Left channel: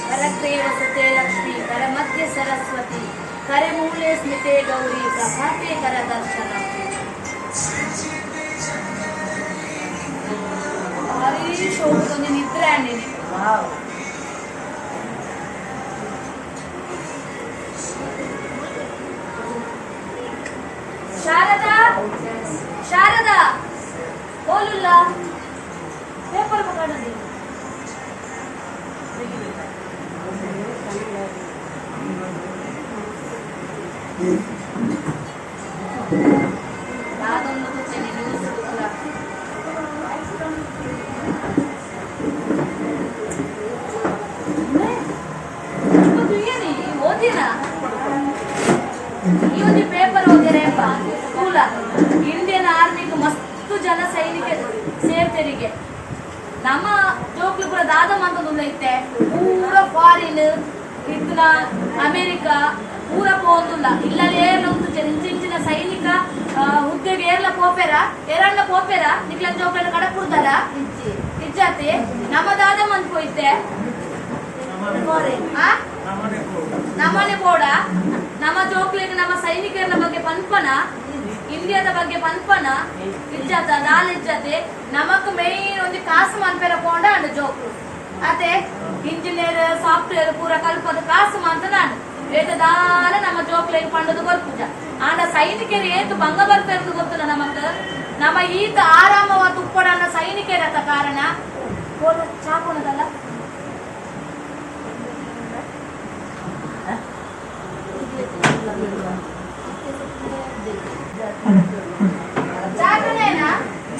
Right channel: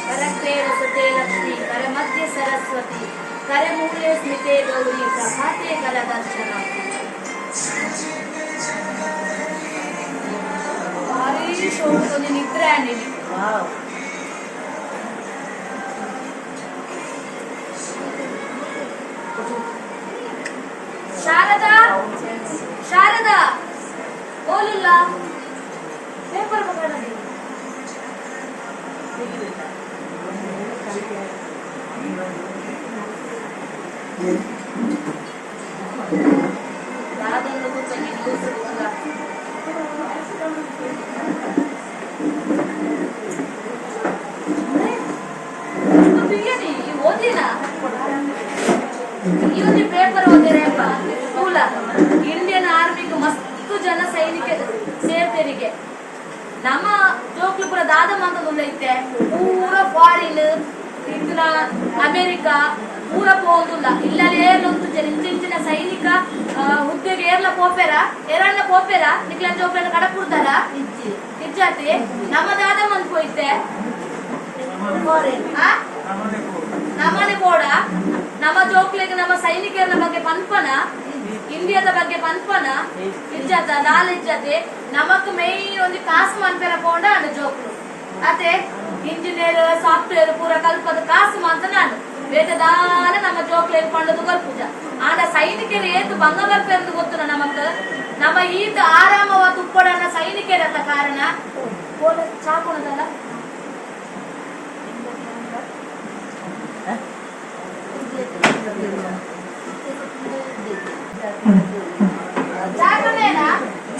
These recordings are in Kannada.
करग्रे वसते लक्ष्मी करमध्ये सरस्वती करमूले स्मिते गौरी प्रभाते करदर्शनम् भारी शोभतोंदी निद्रे अंडी शारदा शारदा बोलिಲ್ಲ पेपर पकड़ने ಯಾವ್ದೊಂದು ಗೊತ್ತೇನೆ ನ್ಯೂಸ್ ಗೊತ್ತಲ್ಲ ಏನಿ ಓದಿನ ಈ ಪೇಪರ್ ಓದಿರೇಪ್ಪ ಸ್ಕೂಲ ಇಂಡಿಯನ್ ಆರ್ಮಿಗೆ ಮಸ್ತ್ ಜನ ಸೈನಿಕ ಸೇರ್ತೆರಿಗೆ ನಮ್ಮ ಜೋಕ್ಲು ಕೂಡ ದಾದಮ್ಮ ಅಂತ ಐತೆ ಪೂರ ಫಾರಿನ್ ಇದ್ನ ಅಮೆರಿಕಾ ಪೂರ ಹೋಗುಲ್ಲ ಇಲ್ಲೇ ಇಂಚಿನ ಸೈನಿಕ ಹುದ್ದೆಗೆ ಏರ್ಲ ಪೋಪೆರ ಎರಡ್ನ ಪೋಪೆರ ನಿಕ್ಲ ಜೋಕ್ಲನ್ನ ಕಡಪುಡ್ತಾರ ಇಜ್ಜಾತಿ ನಮ್ಮ ದಾದಮ್ಮ ಅಂತ ಹೋಯ್ತೆ ನಮ್ಮನೆ ಬೋಡ ನಮ್ಮ ಜೋಕ್ಲಿಗೆ ನಮ್ಮ ಸೈನಿಕರ ಬಗ್ಗೆ ಪನ್ಪನ ಇಂಡಿಯಾದ ಬಗ್ಗೆ ಪನ್ಪನ ಇಜ್ಜಾತ ನಾಲೆಜ್ಜತೆ ನಮಕ್ ಮೇನ್ ಒಂದು ಕಾಸು ಮನ್ಪೆರ ಪೋಂಡ ಅಂಡ ಜೋಕ್ಲು ಅದೇ ಇಂಜಿನಿಯರ್ ಸಾಫ್ಟ್ವೇರ್ ಪೂರ ಕಲ್ಪದ ಕಾಸು ಅಂತ ನಾನು ವೇದದಾನ ನಮ್ಮ ಜೋಕ್ಲೇರು ಪಂಡದು ಬರ್ಪುಜ ಆಂಡ ಸೈನಿಕರು ಏತು ಭಂಗ ಬರ್ಪೆಂದು ಗೊತ್ತುನ ನಮಕ್ ನಮ್ಮ ಈತ ಆರಾಮವ ತುಪ್ಪಡನ್ನ ಸೈನಿಕರತ್ತ ಕಾರಣ ಚಾಕೋಣದಲ್ಲ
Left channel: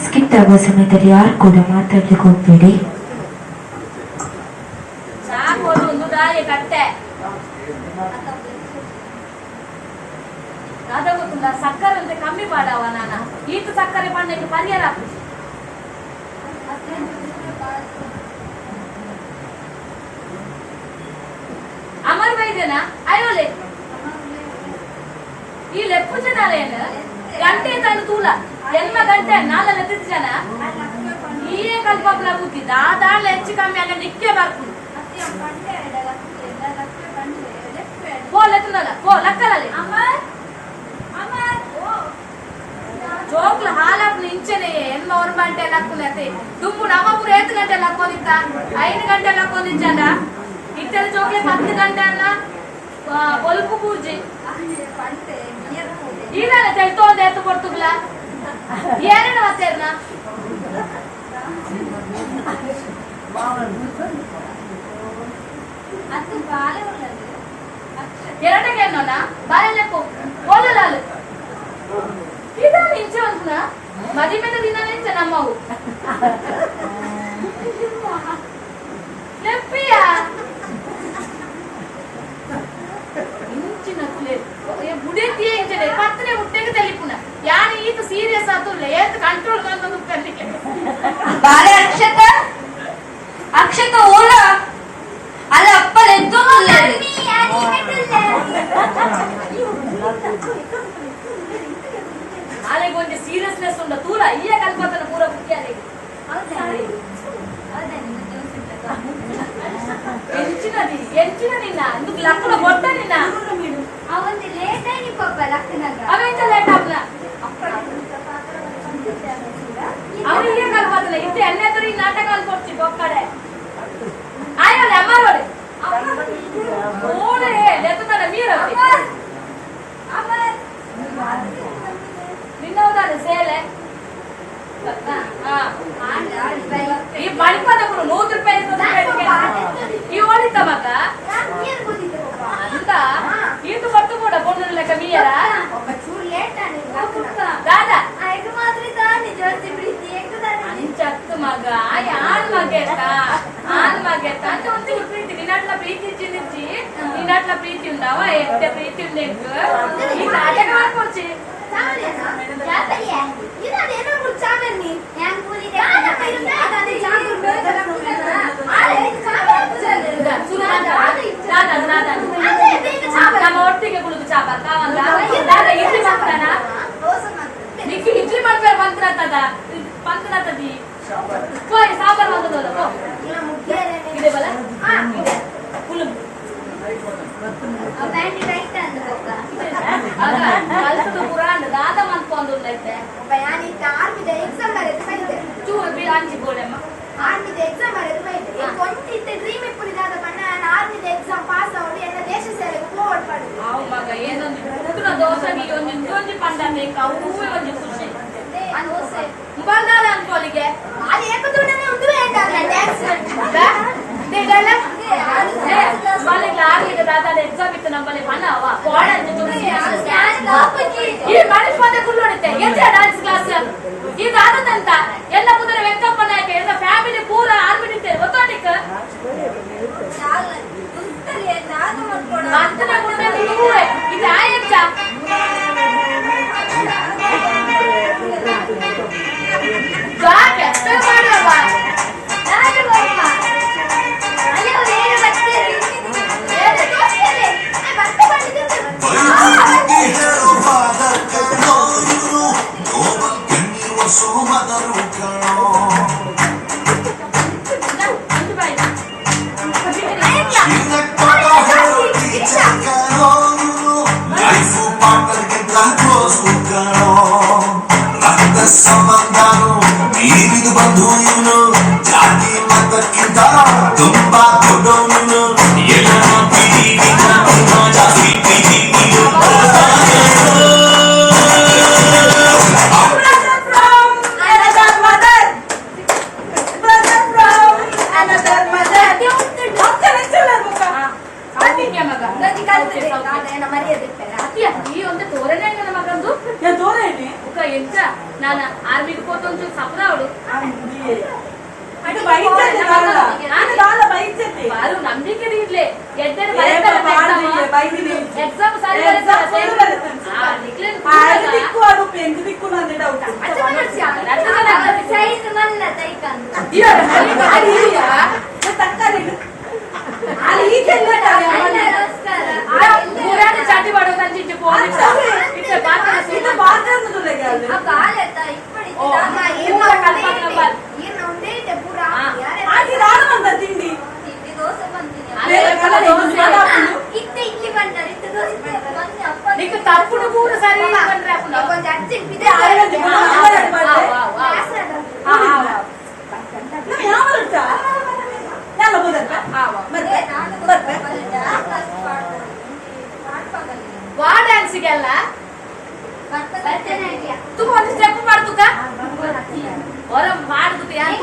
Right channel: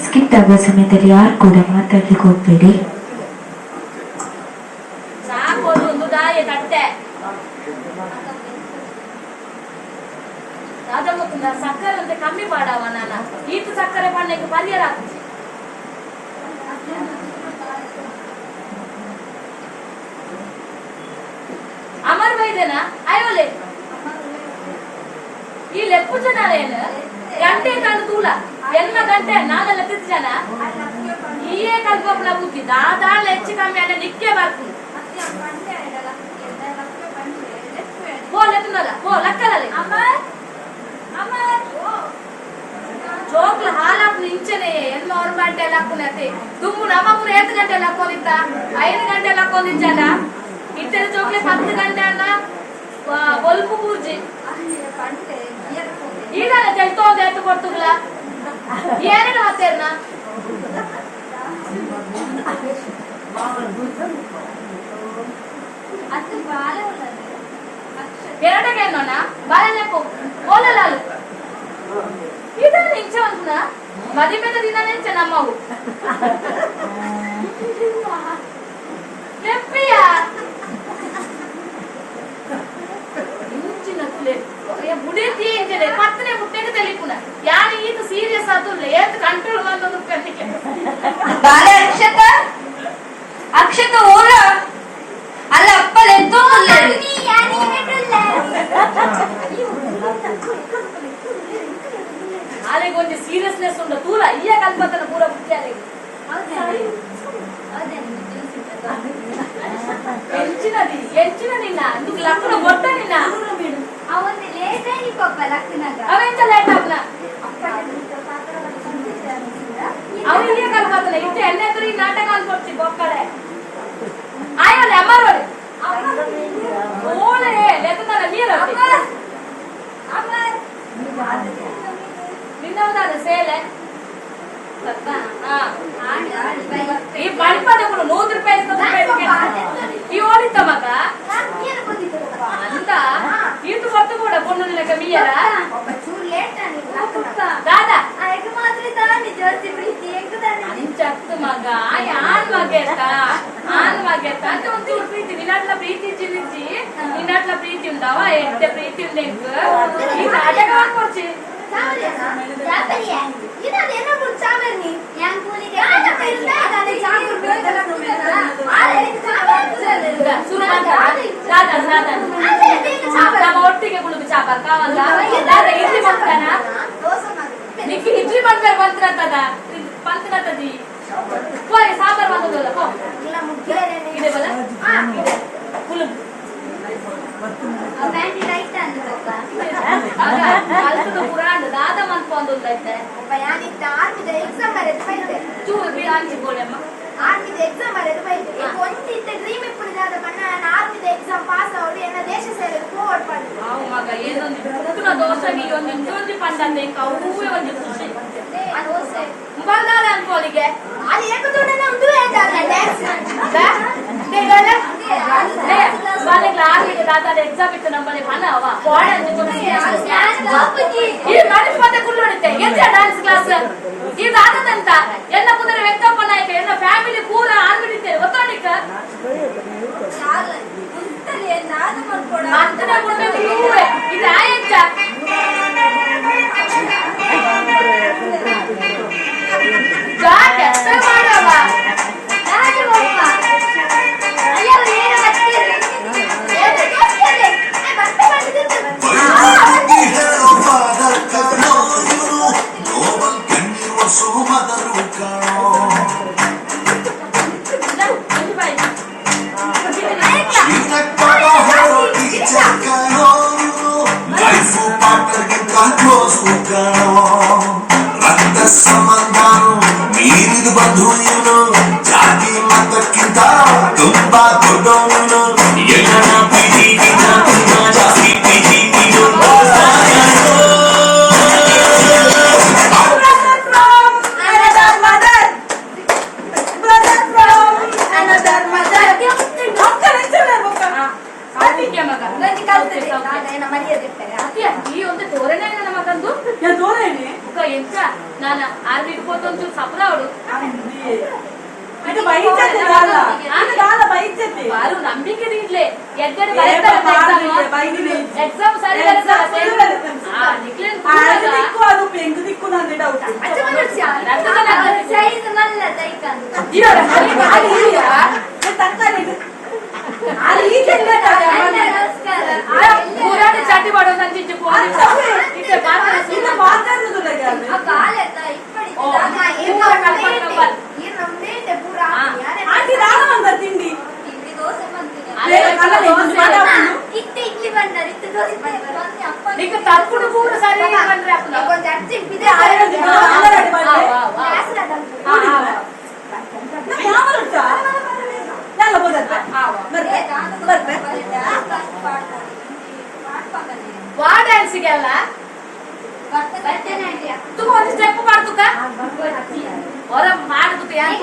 ಸ್ಕಿಟ್ ಆಗೋ ಸಮಯದಲ್ಲಿ ಯಾರು ಕೂಡ ಮಾತಾಡ್ಲಿಕ್ಕೆ ಹೋಗ್ಬೇಡಿ. ಚಾಕೋದು ಒಂದು ದಾಯ ಕಟ್ಟೆ ಅದ ಗೊತ್ತುಂಟ ಸಕ್ಕರೆ ಅಂತ ಕಮ್ಮಿ ಪಾಡವ ನಾನ ಈತ ಸಕ್ಕರೆ ಪಣ್ಣಕ್ಕೆ ಪರಿಹಾರ ಅಮರ್ ವೈದ್ಯನ ಅಯ್ಯೋಲೆ ಈ ಲೆಪ್ಪು ಜನ ಏನು ಗಂಟೆ ತಂದು ತೂಲ ಎನ್ನ ಗಂಟೆ ನಾಲೆಲ್ಲ ತಿದ್ದು ಜನ ಈಯೇ ಕಲ್ಪಪ್ಲ ಮುಗಿ ದಾದಾಳ ಹೆಚ್ಚು ಕಮ್ಮಿ ಅನ್ನ ನಿಕ್ಕೆ ಬರ್ತೀನಿ ಪೋ ಲೆಕ್ಕದಲ್ಲ ಪೋ ಲೆಕ್ಕದಲ್ಲಿ ಜೋಕ್ಲ ಹಾಲಪ್ಪ ಇಂಚನೆ ಎನ್ಮ ಅವ್ರ ಗಂಟೆ ಲಕ್ಕುನತೆ ದುಮ್ಮು ನಮ್ಮೂರ 8 ಗಂಟೆ ಲಕ್ಕೋದಿತ್ತ 5 ಗಂಟೆ ಲಕ್ಕೋದಿಜ್ಜಲ್ಲ ಇತ್ತರ ಜೋಕ್ಲೆ 10 ಗಂಟೆ ಅನ್ನ ಬಲ್ಪು ಪೂರ್ಜಿ ಈಗಲ್ಲ ತೆಳ್ತೋದೆ ಎತ್ತು ಕೊಡ್ತುಗ್ಲ ಏನೇನು ಮತ್ತೇರ್ನ ಎರಡಕ್ಕೆ ನೋಡ ಬಾಳೆಲೆಪ್ಪು ಓಲಲಾಲು ಇದನ್ನ ಇಂಚೆ ಒಂದ್ನ ಮದಿಮೆನ ದಿನ ನೆಂಚೆ ನಮ್ಮವು ಲೆಪ್ಪಿಯ ಇಂಚಿನ ಕುಲೆ ಬುಡೇತಿ ಇಂಚನೆ ಪತ್ತನೆ ಮುಟ್ಟೆಗೆ ತಲಿಪುನ ಯಾರು ಈತ ಸೀರಿಯಸ್ ಆತುಲ್ಲ ಏತ್ ಕಂಟ್ರೋಲ್ ಬಂದೊಂದು ಪೆರ್ಲಿಕ್ಕೆ ಬಾಳೆ ಅಕ್ಷತ ಓಲ ಅಲ್ಲ ಅಪ್ಪಲ ಎದ್ದು ಆಲೆಗೆ ಒಂದು ಸೀರಿಯಸ್ನೆಸ್ ಉಂಡ ತೂಲ ಈಯ ಕಲ್ಪತನ ಪೂರ ಬುದ್ಧಿ ಆಲೆಗೆ ಎಂಚಿನ ನಿನ್ನ ಇಂದುకు ಲಕ್ಕನ ಗೊಟ್ಟ ನಿನ್ನ ಅವೊಂದು ಲೇಟ್ ಆಗಿ ಪಾಪ ಲಕ್ಕನಾಗ ಅವೆಂತ ಲೇಟ್ ಆಗ್ಲ ತಿನ್ನೋದಾದ್ರೆ ಸೇಲೆ ಈ ಬಳಿಪದ ಕೂಡ 100 ರೂಪಾಯಿ ಈ ಓಡಿತ ಮಗ ಅಂತ ಇದು ಕೊಟ್ಟು ಕೂಡ ಬೊಂಡು ಲೆಕ್ಕ ಮೀಯರ ದಾದಾ ಅಂಚತ್ತು ಮಗ ಯಾನ್ ಮಗೆತ್ತ ಅಂತ ಒಂಚೂರು ಪ್ರೀತಿ ನಿನ್ನಟ್ಲ ಪ್ರೀತಿ ಚಿನ್ನಿಚ್ಚಿ ನಿನ್ನಟ್ಲ ಪ್ರೀತಿ ಉಂಡವ ಎಷ್ಟೇ ಪ್ರೀತಿ ಉಂಡೆಂಕು ಈ ನಾಟಕ ಮಾಡ್ಕೊಡ್ಚಿ ನಮ್ಮ ಒಟ್ಟಿಗೆ ಕುಳಿತು ಚಾಪರ್ ಕಾವಲ್ಲ ಇಡ್ಲಿ ಮಾಡ್ತಾನ ನಿಕ್ಕೆ ಇಡ್ಲಿ ಮಾಡ್ಬೇಕು ಪಂತ್ರತದಿ ಹೋಯ್ ಸಾಂಬಾರ್ ಮಾಡ್ಬೋದಲ್ಲ ಪೋ ಇದೆ ಬಲ ಇದೆ ಫುಲ್ ಕಲ್ತದು ಪುರಾಣ ದಾದ ಮನ್ಕೊಂಡು ಚೂರು ಬೀಳ ಹಂಚಿಕೊಳ್ಳಮ್ಮ ಆರ್ಮಿದ ಎಕ್ಸಾಮ್ ಬರೆದು ಬೈತೆ ಒಂದಿತ್ತೆ ಡ್ರೀಮ್ ಇಪ್ಪುನಿ ದಾದ ಬಣ್ಣ ಆರ್ಮಿದ ಎಕ್ಸಾಮ್ ಪಾಸ್ ಆಗಿ ಎಲ್ಲ ದೇಶ ಸೇವೆಗೆ ಫೋರ್ವರ್ಡ್ ಮಾಡಿ ಅವು ಮಗ ಏನೊಂದು ಪುಟ್ಟನ ದೋಸೆಗೆ ಒಂದು ಇನ್ನೊಂದು ಪಂಡಂತೆ ಅವೂವೇ ಒಂದು ಖುಷಿ ದೋಸೆ ಬಂದಾಳ ಅನ್ಕೋಲಿಗೆ ಅದು ಏಕದೂಡನ ಒಂದು ಹೇಳ್ತಾರೆ ಡ್ಯಾನ್ಸ್ ಬಾಲೆಗ್ಲ ಆಗ್ಲಿಕ್ಕೆ ದಾದಾದ ಎಕ್ಸಾಮ್ ಇತ್ತು ನಮ್ಮಲ್ಲಿ ಮನ ಅವ ಈ ಮನಸ್ ಮತ್ತೆ ಕುಳ್ಳೊಡಿತೆ ಎಂತ ಡ್ಯಾನ್ಸ್ ಕ್ಲಾಸ್ ಇದು ಆದಂತ ಎಲ್ಲ ಕುದುರೆ ವೆಂಕಪ್ಪ ನಾಯಕ ಎಲ್ಲ ಫ್ಯಾಮಿಲಿ ಪೂರ ಆರ್ಮಿಡಿದ್ದೇವೆ ಗೊತ್ತೋಡಿಕ ಮಂತನ ಮುಂದೆ ಇದು ಆಯಂಚ ಜಾಗ ಮಾಡವ ಮೀರಿದು ಬಂಧು ಇವನು ಜಾತಿ ಮತಕ್ಕಿಂತ ತುಂಬಾ ದೊಡ್ಡವನು ಎಲ್ಲ ಪ್ರೀತಿಗಿಂತ ತುಂಬಾ ಜಾಸ್ತಿ ಪ್ರೀತಿ ಈ ಒಂದು ತೋರಣೆ ನನ್ನ ಮಗಂದು ಎಂತ ನಾನು ಆರ್ಮಿಗೆ ಹೋತೊಂದು ಸಪ್ರ ಅವಳು ಬಾರು ನಂಬಿಕೆ ಇಡ್ಲಿ ಎಡ್ಡೆ ಎಕ್ಸಾಮ್ ಸರಿ ಚಾಟಿ ಮಾಡೋ ನಂಚಿಟ್ಟು తప్పుడు కూర సరే ವಾ ಡ್ಯಾನ್ಸಿಗೆಲ್ಲ ತುಗ ಒಂದು ಸ್ಟೆಪ್ ಮಾಡ್ತುಕ ಹೊರ ಮಾಡುದು ಡ್ಯಾನ್ಸ್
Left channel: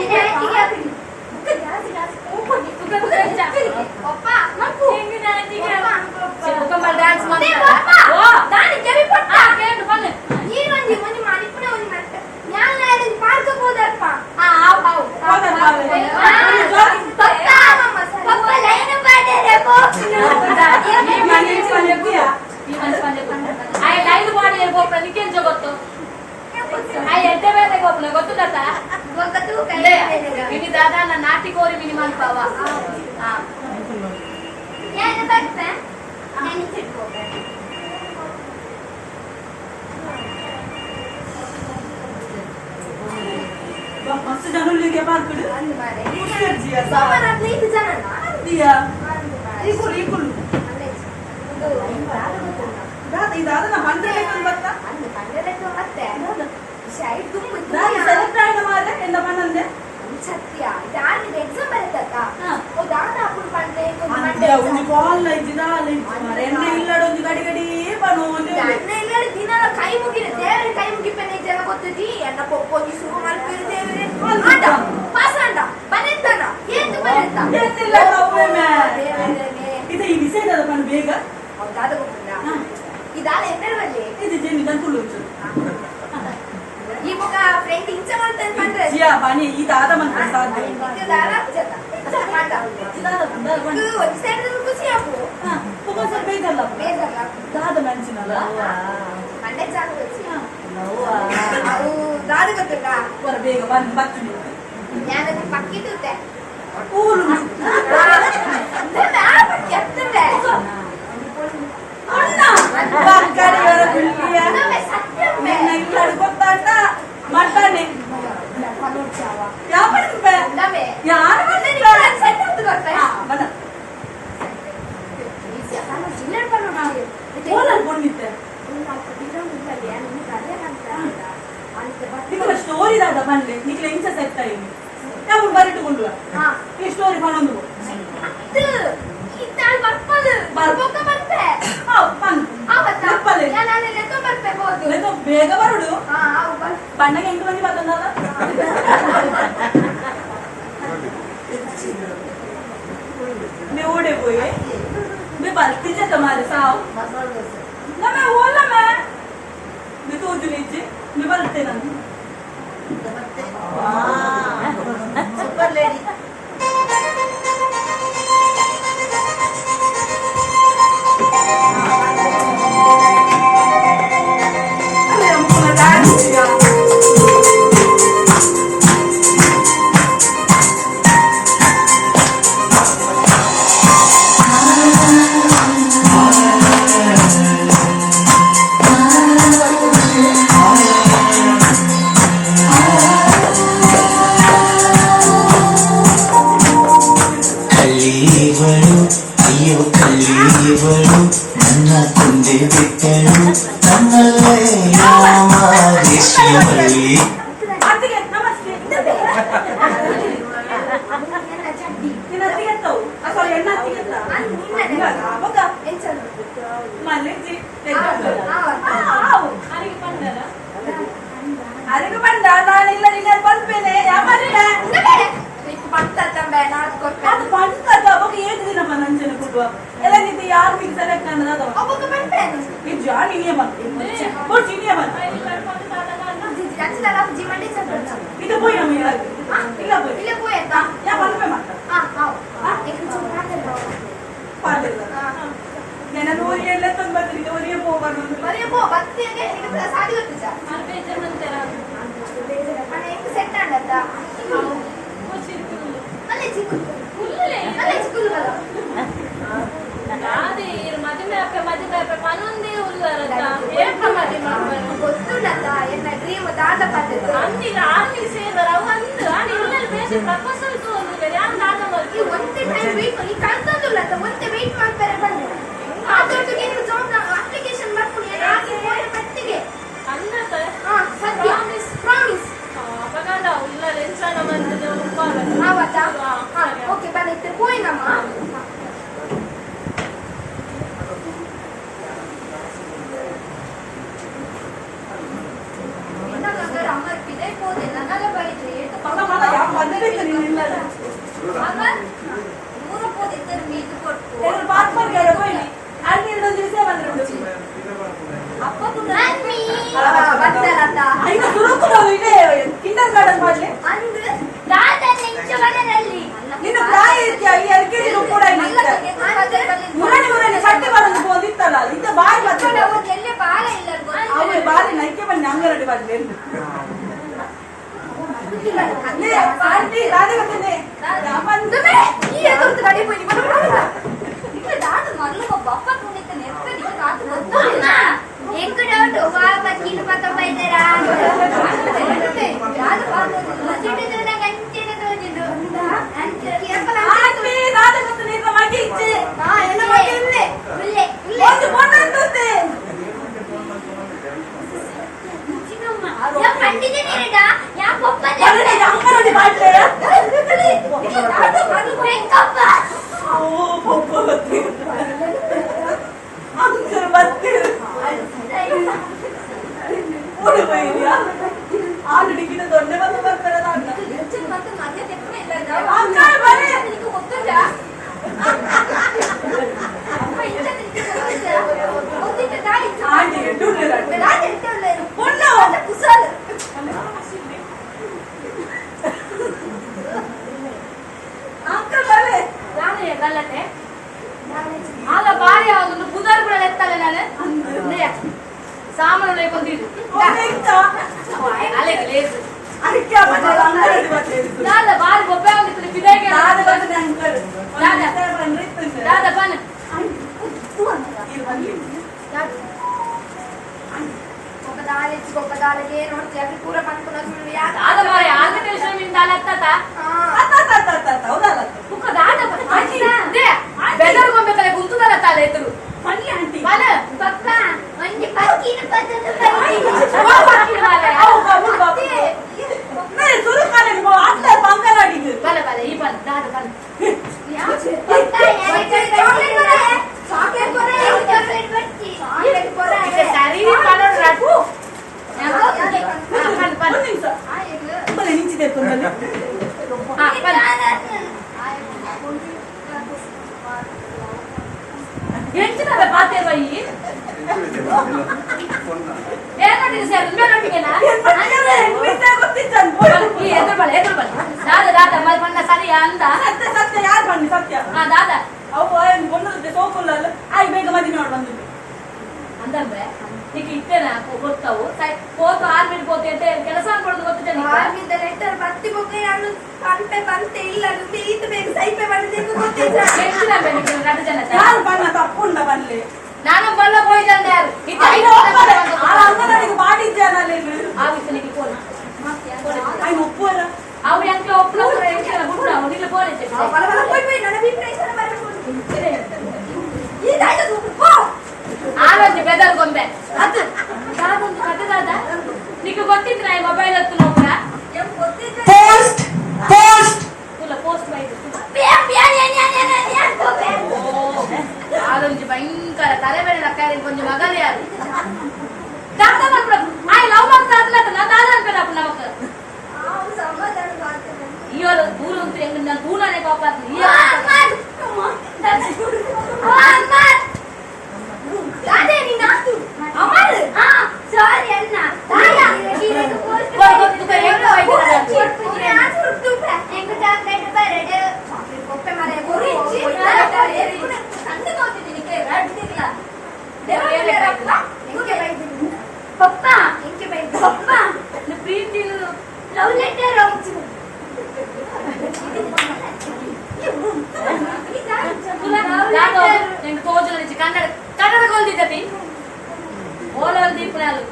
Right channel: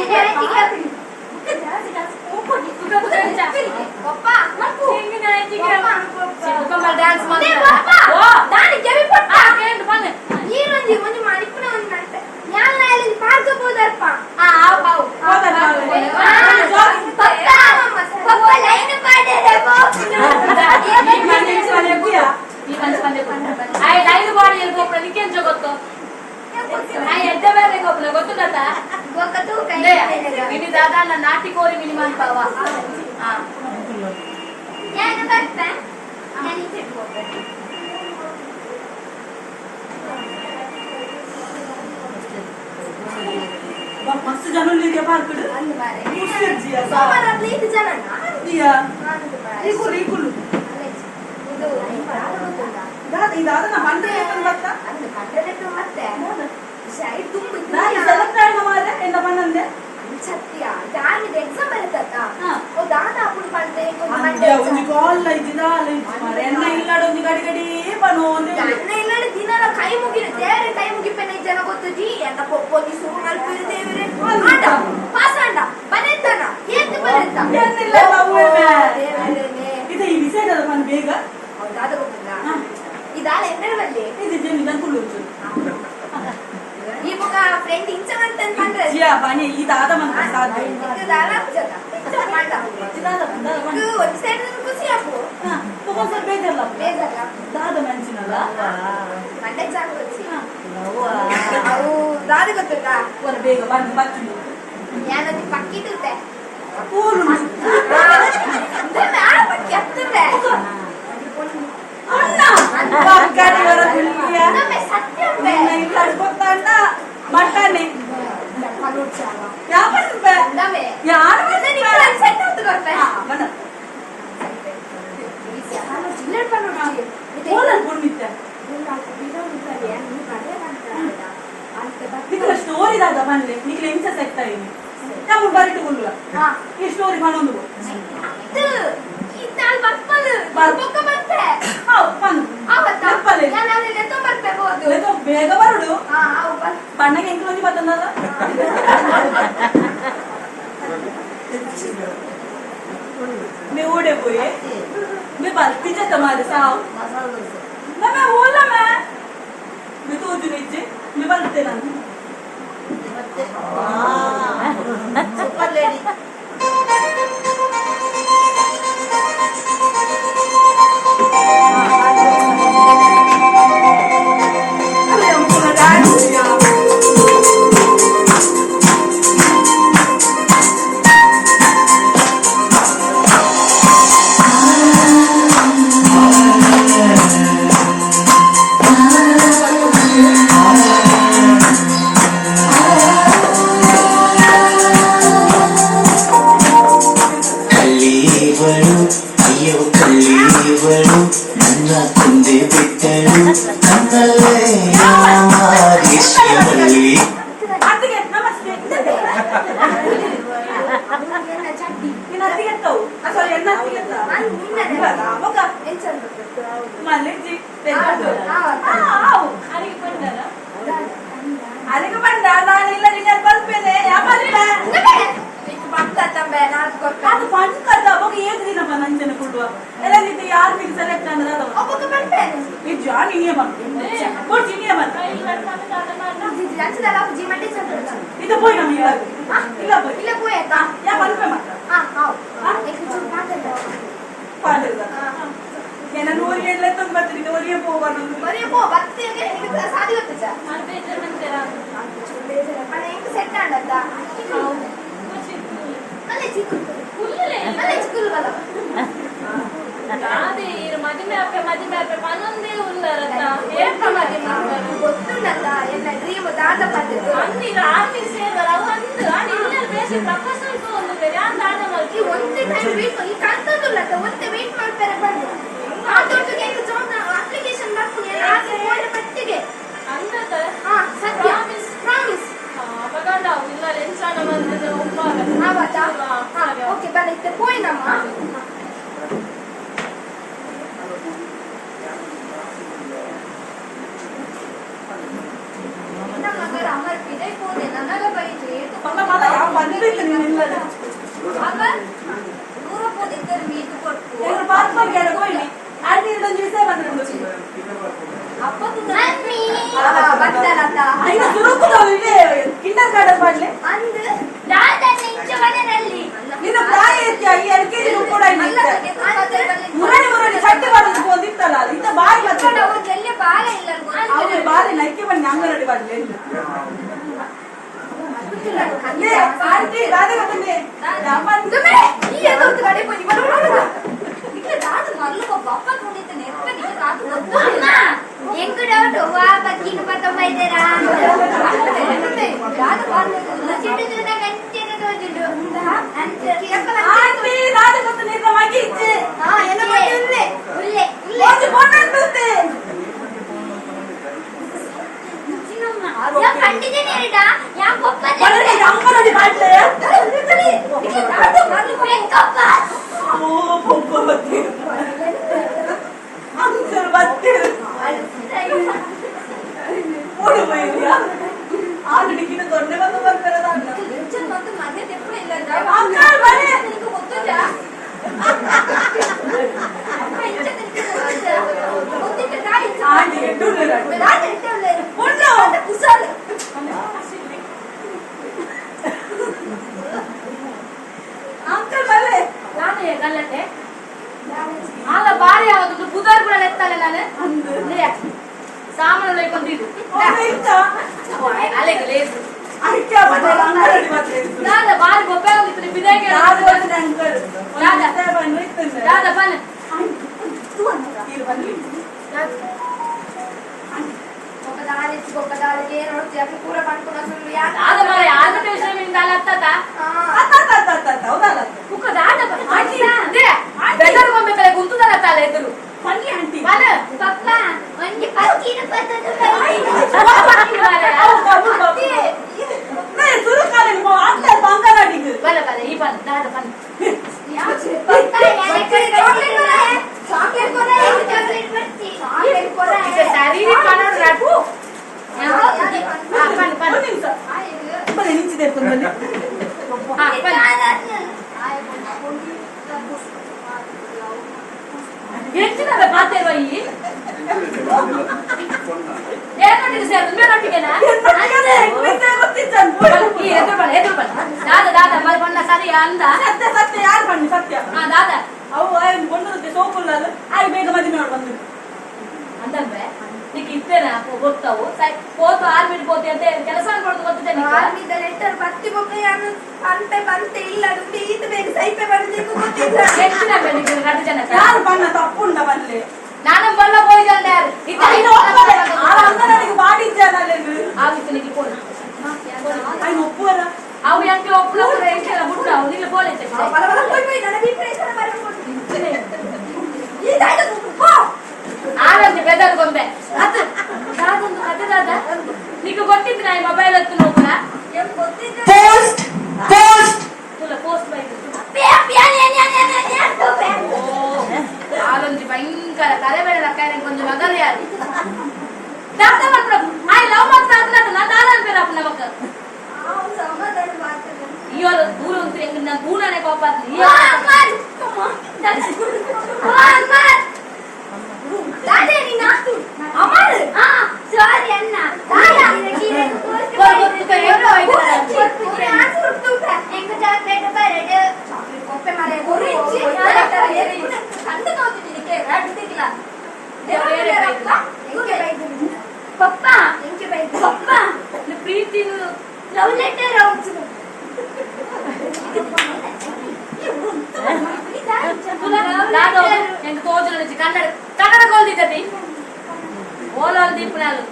ಲೈನ್ ಬಾಡಿ ಹೋಗ್ರ ನಿಕ್ಕೇನ್ ಜಗತ್ತು ಎಡ್ಡೆ ಬೇರೆ ಹೋಗ್ಲ ಗೊತ್ತುದತ್ತ ಇನಿ ದಾದಾ ನಾ ನಾಟಿ ಕೋರಿ ಮಿನಿ ಮಾಡ್ತಾವ ಮಸ್ತ್ ಜನ ಪಾರ್ಕಡು ಇದಾದ ನಾ ಬಂದೆ ಮತ್ತೆ ಎಂದ ಬಂದೆ ಸತ್ಯ ದಾನಿದ ಎಕ್ಸಾಮ್ ಬರುತ್ತಕ್ಕ ಓ ದಾದ ಅಪ್ಪನ ಪಂಡೆ ಒಂದು ಕಾಲ್ ಇಲ್ಲಡೊಂದು ಗಡಿ ಗಡಿ ಬನೋ ದಿನ ಕೈ ಮುಗಿನ ದೇವರ ಕೈ ಮುಗಿಪೆನ ಜಿ ಎನ್ನ ಪೊಪ್ಪೊಂಜಿ ಶುರು ಮಲ್ಪಿರುದೇವೆ ಆಂಡ ಪಾಸ್ ಆಂಡ ಬನೆತ್ತನ ಏತ್ ಬನೆತ್ತ ಏನಿಲ್ಲ ಅವ್ವೇ. ದೇವರೇ ಇದು ಈ ವಿಷಯದ ಬಂದು ಬೇಗ ಹೌದಾದ ಗೊತ್ತಿಲ್ಲ ಇದಾಲ ಎನ್ನಡವಲ್ಲಿ ಇದು ಜೇನಿ ಗಂಟುಳು ಉಂಟು ಈ ಬುಕ ಫ್ರೆಂಡ್ ಇಂಚ ಮಾಡ್ತಾನೆ ಪಂಡ್ರೆ ಜಿಯಾ ಬಾನಿ ಇದಾದ ಮಂತ್ರ ಸಾಧ್ಯ ಇದು ದಾಲ ಪುಜತ ಮಾಡ ಇದಾದ ಬಂದ ಇದು ಒಂದು ಸೈಡ್ ಖುಷಿ ಆಗು ತಗೊಂಡ್ ಸ್ವಲ್ಪ ಬೇಕಲ್ಲ ಬೇಜಲ್ಲ ದಾದ ಮೆಣಸಿನಲ್ಲ ಮಂಡೆ ಚಾಕು వచ్చి ಅವು ದಾದ ಗೊತ್ತಕ್ಕ ಹೊರ ಬೇಗ ಬಂದು ಬಚ್ಚು ಯಾನದಿ ಪಕ್ಕಿಟ್ಟುತ್ತೆ ಕೂಲು ಅಂದ್ರೆ ಆ ಪಕ್ಕಿ ಹತ್ತುತ್ತೆ ಅಣ್ಣ ಬಾಕಡಿ ವರ ಬಿಲ್ಕಿಯ ನಮ್ಮೆ ಸತ್ಯಮ್ಮೆ ಇಲ್ಲ ಗೊತ್ತಾಂಡ ಮಟನೆ ಪನೋಚಾವ ಯಾಪಡಿಸ್ಬೆ ನಮ್ಮೆ ಯಾರು ನಿನ್ನ ಸೆಟ್ ಅಂತ ಗೊತ್ತಾ ಬದ ನಾನು ಜಿಲ್ಲೆಡ್ ಪನೋಚಾವ ಓಲನ್ ಕೊಂಡಿದ್ದೆ ಅಂತ ಬಿರೋಂತಲ್ಲಿ ನೀನು ಕಡೆ ಅಂತ ಅಂತ ನಿಕಲ ಸ್ಟೋರಿ ದಾದ ಬಂದೆ ನಿಕಲ ಇಂಚ ಸೆಟ್ ಆಯ್ನಿ ನಾವು ಬರಿಟುಕೊಳ್ಳುವ ಹಾ ಈ ಸ್ಟೋರಿ ಪನೊಂದು ಅದು ಈ ತಾಲ್ ಬರ್ಪಲ್ ಬರ್ಬೊಕ್ಕ ಬರ್ತೆ ಪನ್ ಆವತ್ತ ಬರ್ಪಲೆ ನಾನು ಅಲ್ಲಿ ಲೆಕ್ಕ ಬರ್ಬೇಕು ಲೆಕ್ಕ ಬೇಗ ಬರುಡು ಹಾ ಅವು ಬರ್ ಬಣ್ಣಗೆ ಎಂಟು ಮಂದಿ ಬರ್ತಂದಲ್ಲ ಮೇ ಓಡೆ ಪೋಯಿ ಮೇ ಬರ್ತಿ ಜತ ಮಾರೆ ಸಾವು ನಮ್ಮೆ ಓಲ ಮೇ ಮೇ ತೋಜು ನಿಜ್ಜೆ ಮೇ ಬರ್ತೆ ನಾನು ಸೂಪರ್ ಲೇಡಿ ಅಲ್ಲ ಮುಖನ ಡ್ಯಾನ್ಸ್ ಕಲ್ಲಿವಳು ಅಯ್ಯೋ ಕಲ್ಲಿವಳು ನನ್ನ ತಂದೆ ಬಿಟ್ಟಳು ನನ್ನಲ್ಲೇ ಮಾದೇಶಿಯವಳಿ ಅತ್ತಿಗೆ ನಮಸ್ತೆ ಎಲ್ಲ ಚಡ್ಡಿ ನಿನ್ನ ಅತ್ತಿಗೆ ಎತ್ತವು ಸಾರಿ ಎಣ್ಣ ಅತ್ತಿಗೆ ಎತ್ತ ನಾನು ಮುಂದೆ ಅವಾಗ ಎಂಚಂದ ಮಲ್ಲಿಜಿ ಅರಿಗೆ ಬಂದಲ್ಲ ಅಲ್ಲಿಗೆ ಬಂದ ನಾನು ಇಲ್ಲ ನಿನ್ನ ಬಲ್ಪೇನೆ ಯಾವಲ್ಪೆ ಭಕ್ತ ತಂಬೆ ನಾನು ಕೊಡ್ಬೇಕು ಅದು ಬಂದದ ಅವಾಗ ಏಳು ದಿನ ನಂಜನ ಕೊಡುವ ಎಲ್ಲ ನಿಂತು ಯಾರು ಮಿಗ್ ಸೆಲೆಕ್ಟ್ ಅನ್ನದ ಒಬ್ಬಕ್ಕೆ ಬರ್ತೆ ನಿಜ ನೀನೇ ಬಂತು ಕೊಡ್ಸಿ ನೀನೇ ಬಂತು ಅಂಚದಲ್ಲ ಜಿ ಮಂಡಿ ಚಂದ ಇದು ಪೋಯ್ ನಮ್ಮ ಇಲ್ಲ ಇಲ್ಲ ಪೋಯ್ ಇಲ್ಲೇ ಪೋಯ್ ಆಯ್ತಾ ಯಾ ಬಲ್ಪೆ ಮಾತ್ರ ಪಾಡಿಲ್ಲ ಏನ ನೂರಿ ಎಳ್ಳೆ ತೊಂಬತ್ತಿ ನೂರಿಯೇ ಹೋಗೋಣ ಬರೀ ಪೋ ಬತ್ತಿಗೆ ನಿಮಗೆ ಸಾಧಿ ಗೊತ್ತು ಸರ್ ಸೆಟ್ ಆಡತ್ತ ಅಲ್ಲೇ ಚಿಕ್ಕು ಅಲ್ಲೇ ಚಿಕ್ಕುಲು ಬಲ ಅದೇ ಇರು ಮದುವೆ ಪನೊಂದೇ ಉಲ್ಲರತ್ತ ಏಕ ಮದುವೆ ಗೊತ್ತುಂಡತ್ತ ಎನ್ನ ಡ್ರೀಮ್ ದಾದ ಪದ್ದತಿ ಅಂದಿರ ಆರ್ಮಿ ಸೇರ್ವರ ಅವು ಅಂದು ಇನ್ನಲ್ಲಿ ಬೇಸಿ ಪ್ರಪೋಸಲ್ಸ್ ಒಂದು ಬೇರೆ ಯಾರು ದಾದ ಈ ಮಲ್ಕಿ ಒಂದೇ ಟೈಮ್ ವೇಟ್ ಈ ಕಳ್ತಂದುಲ್ಲತ್ತ ಒಂದೇ ವೇಟ್ ಮಾಡ್ತಾರೆ ಬಂದು ಆ ದೊಡ್ಡಗೆ ನೀವು ಜಾಬ್ ಅಪ್ಲಿಕೇಶನ್ ಮಾಡ್ಕೊಂಡು ಎಲ್ಲ ಹಾಕಿ ಹೋದ ಮಟ್ಟಿಗೆ ಅಂದತ ಹಾ ಸತ್ಯ ಪ್ರಾಮಿಸ್ ಅಪಗಂಡ ಇಲ್ಲ ರೆನ್ಸಾನ ಬಂದದ್ದು ಒಪ್ಪಾಗ ಆವತ್ತಾ ಓಕೆ ಬನ್ನಿ ಇತ್ತೆ ಪೋಯಿನಮ್ಮ ನಗರ ಅಮರ್ ಪಿದೆ ಪೋದೆ ನನಗ ಬೈದ್ರೆ ಏತು ಯಾವ ಬಂದಿಲ್ಲ ನೀನಿಲ್ಲ ಅಮರ್ ನೂರ ಪೋದಿದ್ದರೆ ಮೀದು ಕೊಟ್ಟು ಇವರು ಪಾರ್ಪಲ್ ಕೇಳ ಪೋಯ್ ಅಲ್ಲಿ ಒಂದು ವಿಷಯ ಬಂದ್ರು ಅಪ್ಪ ಮಮ್ಮಿ ಬಂದಲತ್ತ ಇನ್ನು ಸುರುಕುದವು ಇದೆ ಕಿಂಡರ್ ಗಾರ್ಡನ್ ಮಾಡ್ಲಿ ಅಂದ್ ದಾದನ ಇಂಚವನಲ್ಲಿ ನೀನು ಪ್ರಾಯ ಇರ್ತೀಯ ಈ ಎಲ್ಕೆಜಿ ಕೂಡ ಇಲ್ಲ ಮುರಳಿ ಸಟ್ಟಿ ಮಾಡೋದು ಬಂದಿತ್ತಲ್ಲ ಅದು ಇಂತ ಬಾಯಿ ಮತ್ತೆ ಎಲ್ಲಿ ಬಾಲ ಇಲ್ಲ ಅವ್ರು ಬಾರಿ ನೈಕೆ ಬನ್ನಿ ಅಂಗಡಿ ಬರ್ಲಿ ಅಲ್ಲೇ ಪಾರ್ಟಿ ರಾಧೆ ಗೊತ್ತೇ ಈ ಎದುರ್ದು ಗಾಡಿ போய் ಬರೋಣ ಇಲ್ಲ ದಾದ ಮರಳು ಬಪ್ಪ ಕುಣಿತ ನೆಪ್ಪ ನಿಕ ಕಾತು ಗೊತ್ತು ಎಂಕ ಡೌಟ್ ವಾ ಬಕ್ಕಿನ ಪತ್ತ ಬೈದೇರಾ ದಾದ ಬಾಂದು ಚಿಟ್ಟು ಜನ ಗಂಟೆನೆ ತೋಜಿಂಡು ಅಂತ ಕೇಪಲ ಆಂಟಿ ರಾಧೆ ಗೊತ್ತೇ ನಿನ್ನ ಮಗಿ ಇಚ್ಚೆ ಹಾ ಏನು ಮಾಡಿಲ್ಲೆ ಉಲ್ಲೆ ಉಲ್ಲೆ ಒಂದು ಕೊಂಡಂತೆ ಯಾ ಪಂಡಿತನೇ ಇಡ ಯಾ ಪಪ್ಪ ಬರಲಿ ಅಂಗಡಿ ಮಾಡ್ಲೆ ಇಲ್ಲ ದಾದ ಮರಳು ಬೆಂಕಪ್ಪ ಓ ಪಪ್ಪ ಬತ್ತಿ ಅಂಕಲ್ ಬತ್ತಿ ಓಡಿ ಬೈದ್ಯಾ ಡಿಕ್ಕಿನ ದೊಡ್ಡ ಬಂದು ಬರ್ತಾರೆ ಲೆಕ್ಚರ್ ಮತ್ತು ಮರ್ಯಾದೆ ಎప్పుడు ಇಲ್ಲ ಅಂಕಲ್ ಬನ್ನಿ. ನಿನಗೆ ಗೊತ್ತುಂಟಾ ಅಪ್ಪ ಇಂಚ ನಿನಗೆ ಗೊತ್ತಿದ್ದ ತಾಯಿ ಆಂಟಿ ಎಡ್ಡುಳ್ಳಿರಾಡು. ನಾನು ಇಟ್ಟೊಳ್ಳೆ ಉಂಟು. ಕುಸಾಲು ಅಂಕಲ್ ಬಲ್ಲೆ ನಾನು ಗಲ್ಲಟೆ ಆಗ ಬಾರಿ ಯಾವ್ದು ಬುಧವಾರ ಕೂಡ ಎತ್ತಲ್ಲ ನಾನು ಸಾಮಾನು ಲೈಕೊಂಡಿದ್ದು ಅಲೆಗೆ ಲೇಸು ಅದಕ್ಕೆ ಬಂದಲ್ಲ ಅಂಕಲ್ ಇವತ್ತು ದಾದ ಬಾರಿ ಗೊಬ್ಬೆ ಹೋಗಿತ್ತು ಬಿದಾಗೆ ಯಾರು ಬಂದ್ರೆ ಅಂಕಲ್ ದಾದಾ ಬಂದ್ರೆ ಇರ್ತಂತೆ ದಾದ ಬನ್ನಿ ಇದು ಬನ್ನಿ ಗೊಬ್ಬದಾಳಿಗೆ ನೋಡ್ತೀಯ ಪೂರ ಪಂಪನ ಸುಳ್ಳು ಯಾಕೆ ದಾದ ಬಾರಿ ಆರ್ಮಿಟ ವಿಷಯ ಮಿಂದಾಲ ಅತ್ತತ ಹೌದಲ್ಲ ಕುಕ್ಕ ದಾದ ಬೆದರ್ ಗೊಂಬೆಕಲೆ ಗುಂತುದಲ್ಲ ತಾಲೆ ಎದುರು ಬನ್ನಿ ಆಂಟಿ ಬಲ ಪಪ್ಪ ಒಂಜಿ ಪಕ್ಕಿನ ಪತ್ತದ ಸುರು ಕಾಲಿನ ಆಟ್ಲ ಬಂಗಾರಾಡಿಗೆ ಬಲ ಬಲ ಈ ಬನ್ ದಾದ ಬನ್ ಈಗ ಸರಿ ಮಾಡೋಣ ರಾಟು ಬನ್ ಬನ್ ಒಂದು ನಿಮಿಷ ಬನ್ನಿ ನಿಂಚಿದೆ ಬನ್ನಿ ಬನ್ ಹೆಚ್ಚಿನ ಪಾತೇವ ಈ ಏನೊಟ್ಟಿಗೆ ಸೇರು ಮೇನೊಟ್ಟಿಗೆನಾ ಈ ಎದುರು ಬಲ ದಾದ ದಾದ ಮಲ್ ಬಣ್ಣ ಸರಿ ಅಂದ ಸತ್ಯ ಸತ್ಯ ಯಾರು ಬನ್ನಿ ಸತ್ಯ ಹಾ ದಾದ ಅವು ಬಂದದ್ದು ಸೋಕುಲ್ಲಲ್ಲ ಆಯ್ ಬೇಗ ಮದುವೆ ಮಾಡಿ ಬಂದಿದ್ದು ಅಂದಲ್ವೇ ನೀಗ ಇತ್ತೇನ ಗೊತ್ತವು ಪೋತು ಆರ್ಮಿಡ್ ಪೋತಿ ಅಂತ ಕೆಲಸ ಅನ್ಕೊಡೋದು ಗೊತ್ತಿದೆ ಆರ್ಮಿದ ಲೆಟರ್ ಬತ್ತಿ ಬೊಕ್ಕ ಯಾನು ಪಂಪೆ ಬಂತೆ ಇಲ್ಲ ದುಡ್ಡು ಈತ ಬೇಕು ಸೈಪೆ ಬಂದಿದ್ದು ಗೊತ್ತಿಲ್ಲ ಹೆಚ್ಚಿನ ರದ್ದು ಜನ ಯಾರು ಬಣ್ಣ ತಪ್ಪುಂಡ ಬನ್ನಿ ನಾನು ಬಲ್ಲ ಹೋಯ್ದಲ್ಲ ಯಾರು ಅಂಗನಡಿಗೆ ಮಾಡಿದ್ದೇನೆ ಆವಿತ್ತು ನಿಗೆ ಫೋನ್ ಅಲ್ಲಿ ಒಪ್ಪುವಲ್ಲ ಅವು ಎಂಕೆ ಒಪ್ಪನ ಎಂಕೆಲ್ಲ ಬಿಟ್ಟು ಅವು ನಿಲ್ಲ ಫೋನ್ ಐತೆ ಬಲ ಬಲ ಹೋಯ್ ನನ್ನ ವಿಪರೀತ ಬರಬಹುದು ಈ ದಾಯ್ದ ಪೋ ಆನಂದ್ ಬೆದರ್ ಗೊಂಬೆ ಅದು ದಾದೊಂದು ಕತೆ ದಾದ ನಿಗೆ ಗೊತ್ತಿತ್ತು ನಾ ಈ ಮೊಬೈಲ್ ಹತ್ತು ನೋಡುವ ಎಂ ಗೊತ್ತಿದ್ದ ಪೋಸ್ಟ್ ಪೋಸ್ಟ್ ತುಲ ಪೋಸ್ಟ್ ಬೈಕ್ ಆದೊಂದು ಭಯಂಕರ ತಲೆಬೇರೆ ಲಕ್ಕಾರೆ ಕೊಂಚ ಮಗಲ್ ಯಾರು ದಾದ ಮಾಡ್ಬಿಡ ಆಯ್ ಲವ್ ಮಾಡ್ತಾ ನಾ ದಾದ ಅನ್ಪೇರ ಅಪ್ಪ ನಮಕ್ ಸಮಾಧಾನ ಮಾಡ್ತೇನೆ ಇವರು ದೂರ ಅಂತ ಹೆಂಗ ನಾನು ದೂರನೇ ಪಾಪ ಸಾರಿ ಅಣ್ಣ ಪಪ್ಪ ಪಪ್ಪ ಪ್ರೀತಿ ಲವ್ ಲೆಟರ್ ಹೆಂಗ ತೋಜನ ಕನ್ನಡ ಕನ್ನಡ ಗೋಲ್ದಿದ್ದಿ ಓಲೋಲ್ ದೀಪನಾಲು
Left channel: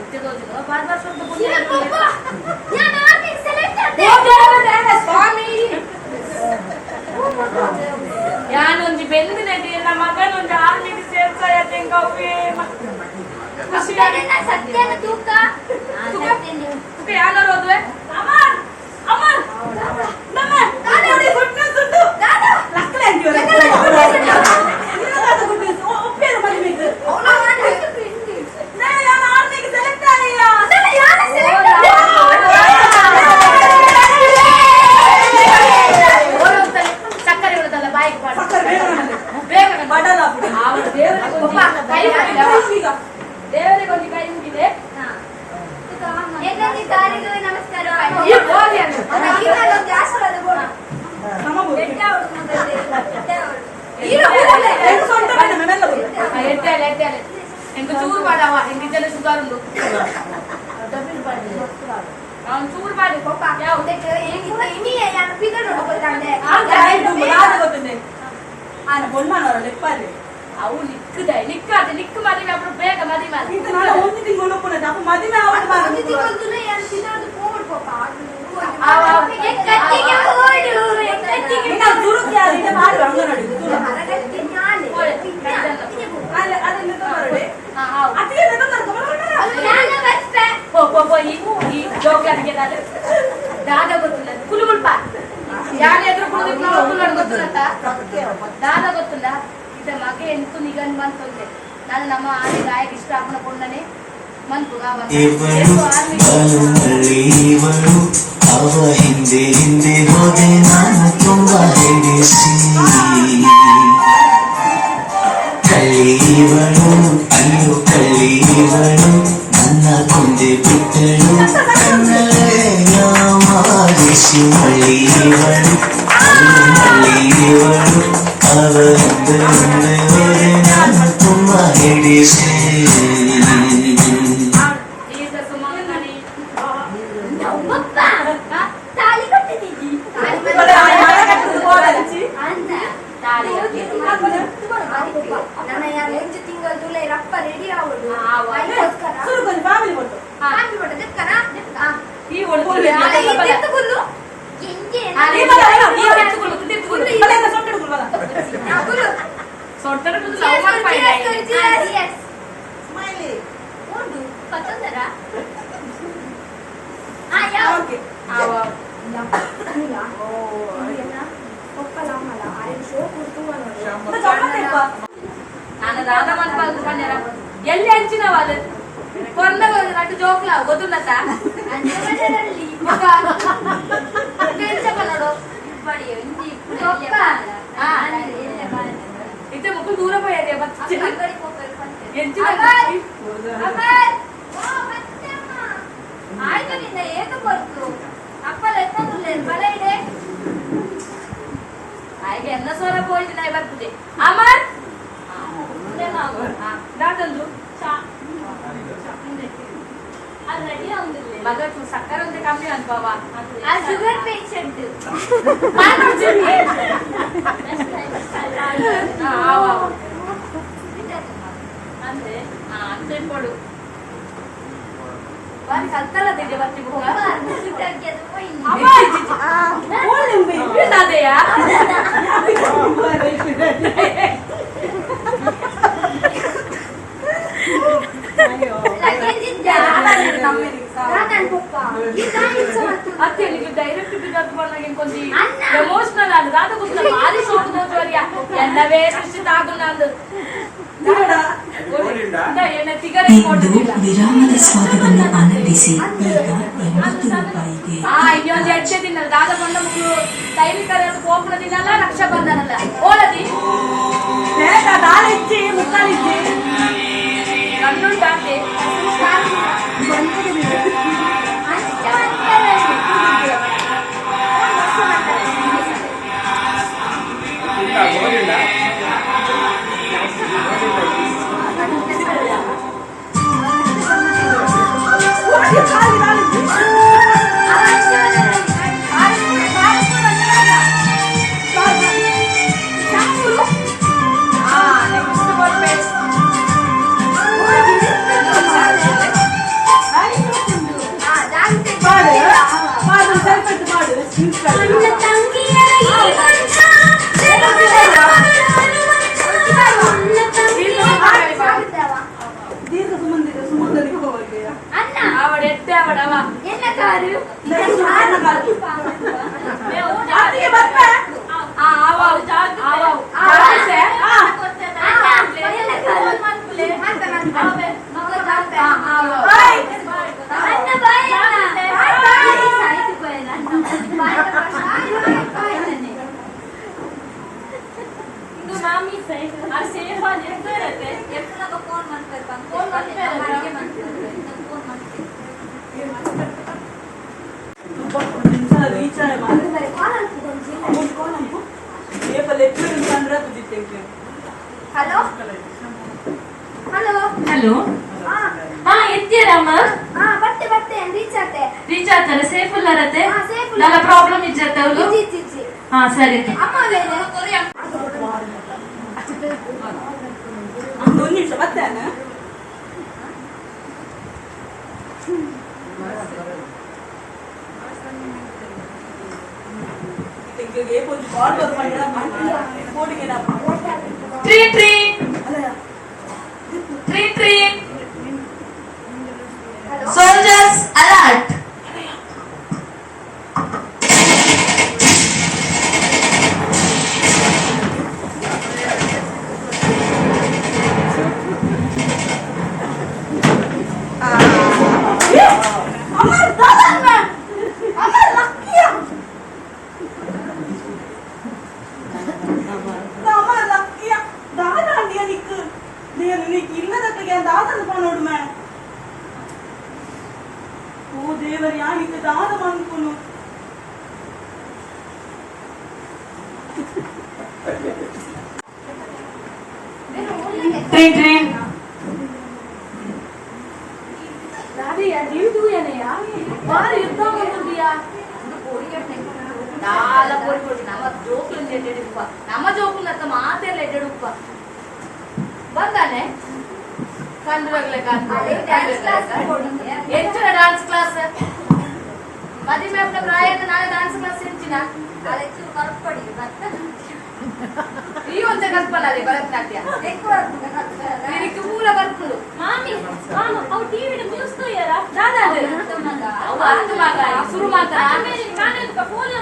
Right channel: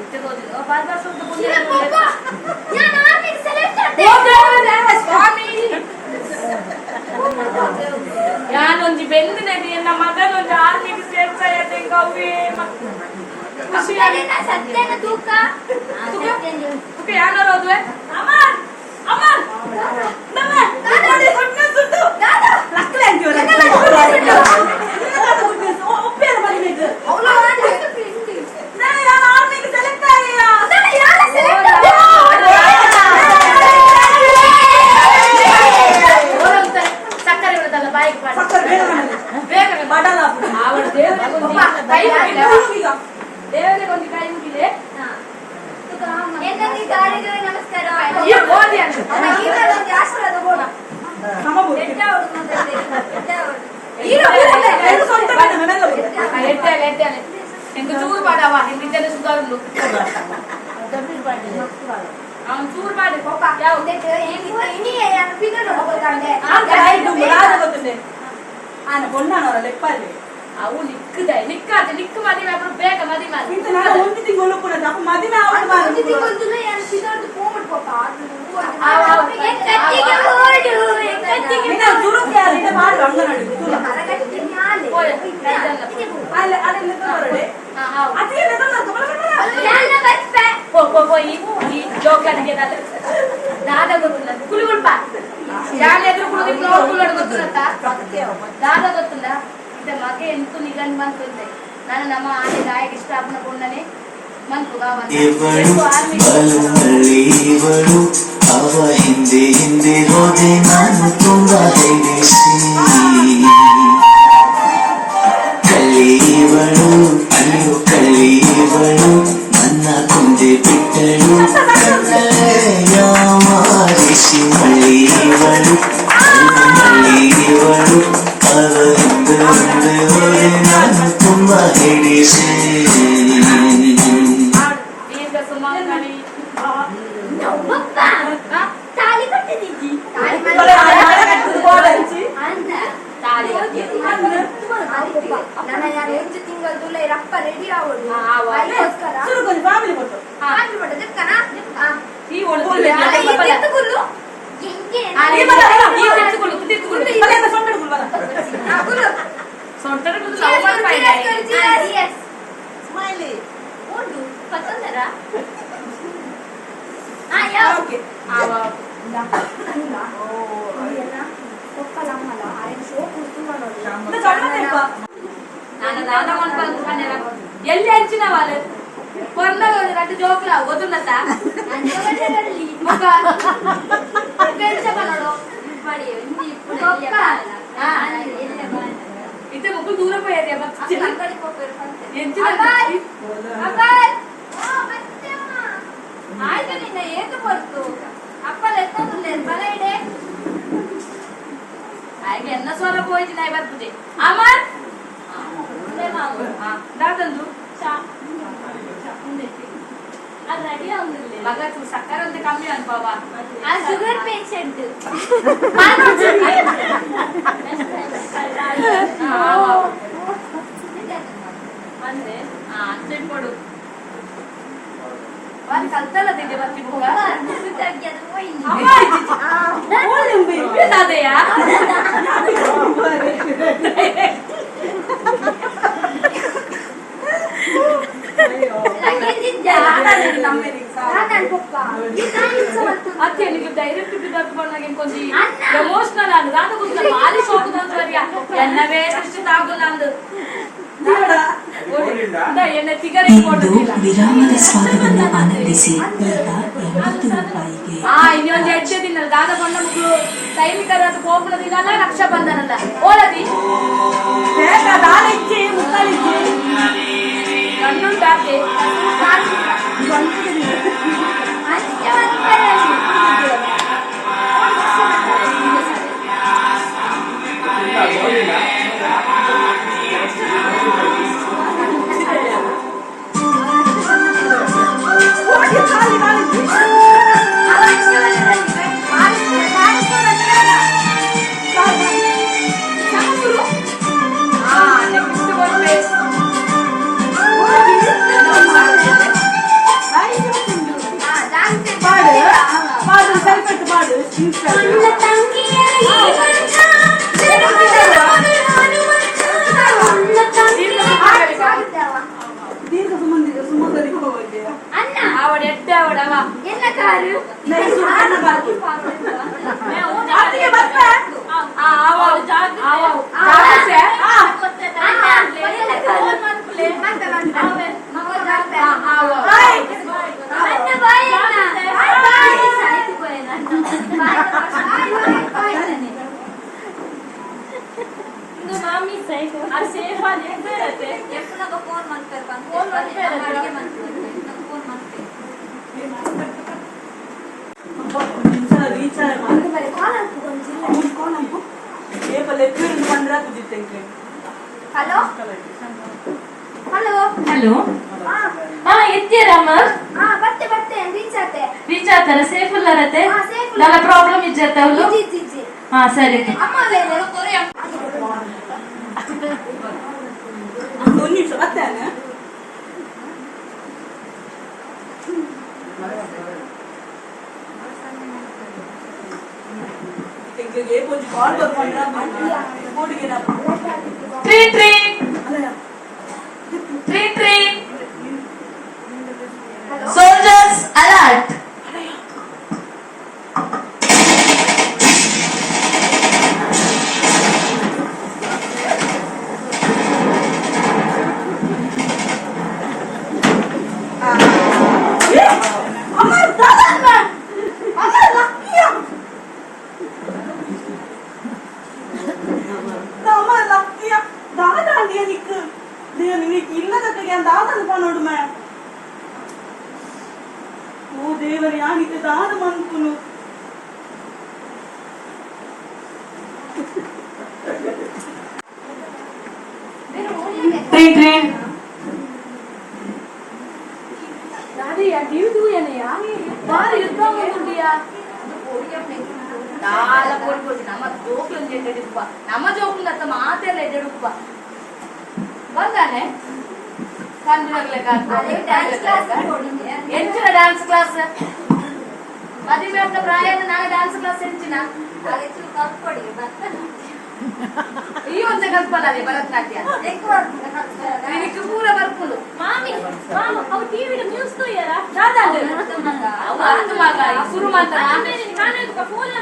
ಇತ್ತೆ ತೋಜಿನ ಬಾರ್ ಬಾರ್ ಸ್ವಲ್ಪ ಸ್ವಾಮಿ ಯಾನೊಂದು ಬೆಂದಿನದಿ ನಮ್ಮ ಮಗನೊಂದು ಆರ್ಮಿಗೆ ಸೇರ್ಸಾಯತ್ತೆ ಕವ್ವೆ ಸತ್ಯನ ತೂಕ ತೂಕ ಯಾನೋರು ಹೋದ್ವೆ ಅಮರ್ ಅಮರ್ ನಮ್ಮೆ ಗುಡ್ ನ್ಯೂಸ್ ಉಂಟು ಲಕ್ಕಲೆ ಅಂತೀವಲ್ಲ ಒಪ್ಪೇರ ಮದುವೆಗೆ ನಾನು ಆರ್ಮಿಗೆ ಸೆಲೆಕ್ಟ್ ಆಗಿಲ್ಲ ಸಕ್ಕರೆ ಬಿಡದಲ್ಲ ಬಾಯಿಗೆ ಸಕ್ಕರೆ ಬೇಗ ಬಡಲ ಅವಳ ದೇವರಿಗೊಂದು ಕೈ ಮುಗಿದ ದೇವರಿಗೊಂದು ಕೈ ಮುಗಿದೆ ನಮಸ್ಕಾರ ಈ ಓದಿ ಅಂತ ಆಶೀರ್ವಾದ ಬೋಡ ಎಟ್ಟೆ ಹೆಂಗ ಚೂರು ಮಾಡವ ಹೆಂಗಿದ್ದೆಲ್ಲ ಸುಧಾರುಂಡು ಅವ್ನು ಚೂರು ಮಾಡಿ ಪಾಪ ಯಾವ ಗೊತ್ತದೆ ఆయన కొన్నాను లెప్పాలి ಅವು ನಿಕ್ಕದೆ ನಿಕ್ಕಾದೆ ನಿಕ್ಕು ಮದುವೆ ಅప్పుడు ಬೇಗ ಮದುವೆ ಮಾಡಿ ఇంత నా ఒంటి తింగోలు కూడా తప్ప మదిన ఆవడ దురుకు యారిట మాడు అంగనడి అట్లే ಈ ಜೋಕ್ಲಾನಿಗೆ ದಾದ ಗೊತ್ತಿಲ್ಲ ಕುಲುಗುಲ್ಪ ಯಾರು ಎದುರು ಕುಳಿದು ಕುಲು ಗೊತ್ತಿಲ್ಲ ದಾದ ಗೊತ್ತಿಲ್ಲ ಇದ ಮಗೆ ಎಂತು ನಿಗನ್ ಬಂತಂದ್ರೆ ನಾನು ನಮ್ಮ ಆನೆ ಗಾಯಕ್ಕೆ ಇಷ್ಟ ಆಪನ ಕೊಂಡನೆ ಮನ್ಪು ಇವಳು ಇವಳು ಅವ ಹಿಂದೆ ಹಿಂದೆ ಹೋದೆ ನಾನು ತುಂಬಾ ಹೆದರಿಸಿ ಕಲಿಯವಳು ಅಯ್ಯೋ ಕಲಿಯವಳು ನನ್ನ ಕೊಂದೆ ಬಿಟ್ಟಳು ಮಾರಿಸಿ ಮಳಿಯವಳು ಮಳಿಯವಳು ಅವ ಹಿಂದೆ ಹಿಂದೆ ಹೋದೆ ನಾನು ತುಂಬಾ ಹೆದರಿಸಿ ಈಗ ಸುಮಾರು ಮಾಡಿ ಪಪ್ಪ ತಾಳಿ ಕಟ್ಟಿದ್ದೀಜಿ ತಾಳಿ ಅನ್ನ ತಾಳಿ ನನ್ನ ಯಾರು 8 ತಿಂಗಳು ಜುಲೈ ರಪ್ಪ ರೆಡಿ ಆವಡು ಫ್ಯಾಮಿಲಿ ಫೋಟೋ ಫ್ಯಾಮಿಲಿ ಫೋಟೋ ದಿಕ್ಕನ ಈ ಒಳ್ಳೆ ಎತ್ತುಗುಲ್ಲು ಹೆಂಗೆ ಸ್ಮೈಲಿ ಉಂಟು ಪತ್ತೊಂದರ ಓಕೆ ನಾನು ದಾದ ಮನ್ಪಾಲ್ದು ಕಣ್ಣೆರ ಎಲ್ಲಿ ಹಂಚಿನ ವಾಲೆ ಕೊರ್ನ ರಟ್ಟು ಜೋಕ್ಲ ಗೊತ್ತುಂಡತ್ತ ಮುಖ ನೋಡು ಇತ್ತೆ ಮುಕ್ಕು ದೂರ ಪೋಯದೆ ಎಂಚಿನ ಆಯ್ತು ನಿನ್ನ ಏನು ಬರ್ತು ಅಪ್ಪಲ ಎತ್ತಂದ್ರೆ ಬಲ ಇಡೆ ಹಾಗೆ ಎನ್ನ ಸ್ವರ ಪೋಯ್ತು ನಾ ಬರ್ಪುಜೆ ಅಮರ್ ದಾಟಂದು ಅದು ರೆಡಿ ಆಗುದಿಲ್ಲ ಮಗ ಸಕ್ಕರೆ ಅಂತ ಕಮ್ಮಿ ಅನ್ಪಾವ ಆ ಶುಗರ್ ಪೇಷಂಟ್ ಅಂದ್ರೆ ಅಂತ ಕೊಡು ಬಾರಿ ಕಲ್ತಲ್ಲ ತೆಗೆ ಬರ್ತಿ ಅದೇಯಾ ಅತ್ತೆ ನಿಮಗೆ ಡೈರೆಕ್ಟ್ ಬಿಡೋದು ಬಂದಾಗ ಕೊಂಚಿ ಎಮೋಷನಲ್ ಅಂದ್ ಅದು ಗೊತ್ತಿಲ್ಲ ಭಾರಿ ಶೋಕ ನೋಡ್ವರಿಯ ಎನ್ನವೇ ದೃಷ್ಟಿ ತಾಗು ನಂದು ಎನ್ನ ತಿಗರೆ ಕೊಡುದಿಲ್ಲ ವಿರಾಮದ ಸ್ವಾದವನ್ನು ಆನಂದಿಸಿ ಈಗ 80 ರೂಪಾಯಿಗೆ ಇನ್ನೊಂದು 8 ದಿನ ದಾದ ಕೊಂಡ ಮಕ್ಕಳು ಸೈನಿಕರ ಕೋಪನ ದಿನಲ್ಲ ರಕ್ಷಾಬಂಧನಲ್ಲ ಓಲದಿ ನಾಳಿಜ್ಜಿ ಮುಕ್ಕಾಲಿಜ್ಜಿ ಕಣ್ಣುಂಟಾತೆ ಖಾಲಿ ನಾಳಿಜ್ಜಿ ಮಾಡು ಸ್ವಲ್ಪ ಮಾಡು ದೀರ್ಘ ಸುಮಂದಿಗೆ ಹೋಗಿ ಅನ್ನ ಅವಡ ಎಟ್ಟೆ ಅವಡವ ಎಲ್ಲ ಕಾರು ಸೇಫ್ ಆಗಿ ಇರುತ್ತೆ ಫೋನ್ ಮಾಡ್ತಾರೆ ಫೋನ್ ಮಾಡ್ತಾರೆ ರೀಚಾರ್ಜ್ ಹಲೋ ಹಲೋ ಹಲೋ ಹಾ ಎತ್ತೀರಮ್ಮ ಬರ್ತೆ ರೀಚ್ ಆತೆ ರೀಚ್ ಆಗ್ತಾರೆ ಸೇಫ್ ಇಲ್ಲರತ್ತೆ ಹಾ, safe ಇಲ್ಲ. ನನ್ನ ಪ್ರಾಬ್ಲಮ್ ಇಜ್ಜತ್ತೆ ಅವಳು ಜಿ ಹಾ ಸರಿ ಅಮ್ಮ ಒಂದು ನಿಮಿಷ ಬರ್ತೇನೆ ಕಾಲ್ ಬರ್ಕೊಂಡ್ರೆ ಬೋರ್ಡ್ಗೆ Soldiers alert! ನೋಡು ಮೇ ಓ ದೇವರ ಯಾನಿಗೆ ದಾದ ಮನ್ಪುನು Train, train. Nadia, do ya ne ya? Mari ಯುದ್ಧ ಮಾಡ್ಕೊಂಡಿಯಾ? ದಾಲ ಕೊಡಿ ನಮ್ಮ ಜೋಕ್ಲು ಎಡ್ಡೆಡುಪ್ಪ ನಮ್ಮ ಜೋಕ್ಲು ಅಂತ ಮಾತೆಲ್ಲ ಎಡ್ಡೆಡುಪ್ಪ ಬಂದಾನೆ ಕಂಡ್ರಗ್ಲೆ ಎಂಚಿನ ಡ್ಯಾನ್ಸ್ ಕ್ಲಾಸ್ ಮದುವೆ ಉಂಟ ಪ್ರಾಯದ ನಾಳೆ ಡ್ಯಾನ್ಸ್ ಕ್ಲಾಸ್ ಎಂಚಿನ ಈ ಒಂದೇ ಕಲ್ಪನ ಅದೇ ಭರತನಾಟ್ಯ ಇದಕ್ಕೆ ಪೂರ ಬರ್ಕೊಂಡು ಮಾಮಿ ಅವು ಟಿವಿದ ನ್ಯೂಸ್ ತೋಯರ ಅವು ಅರ್ಥ ಮಗ ಶುರು ಮಾಡ್ತಾರ ಫೋನ್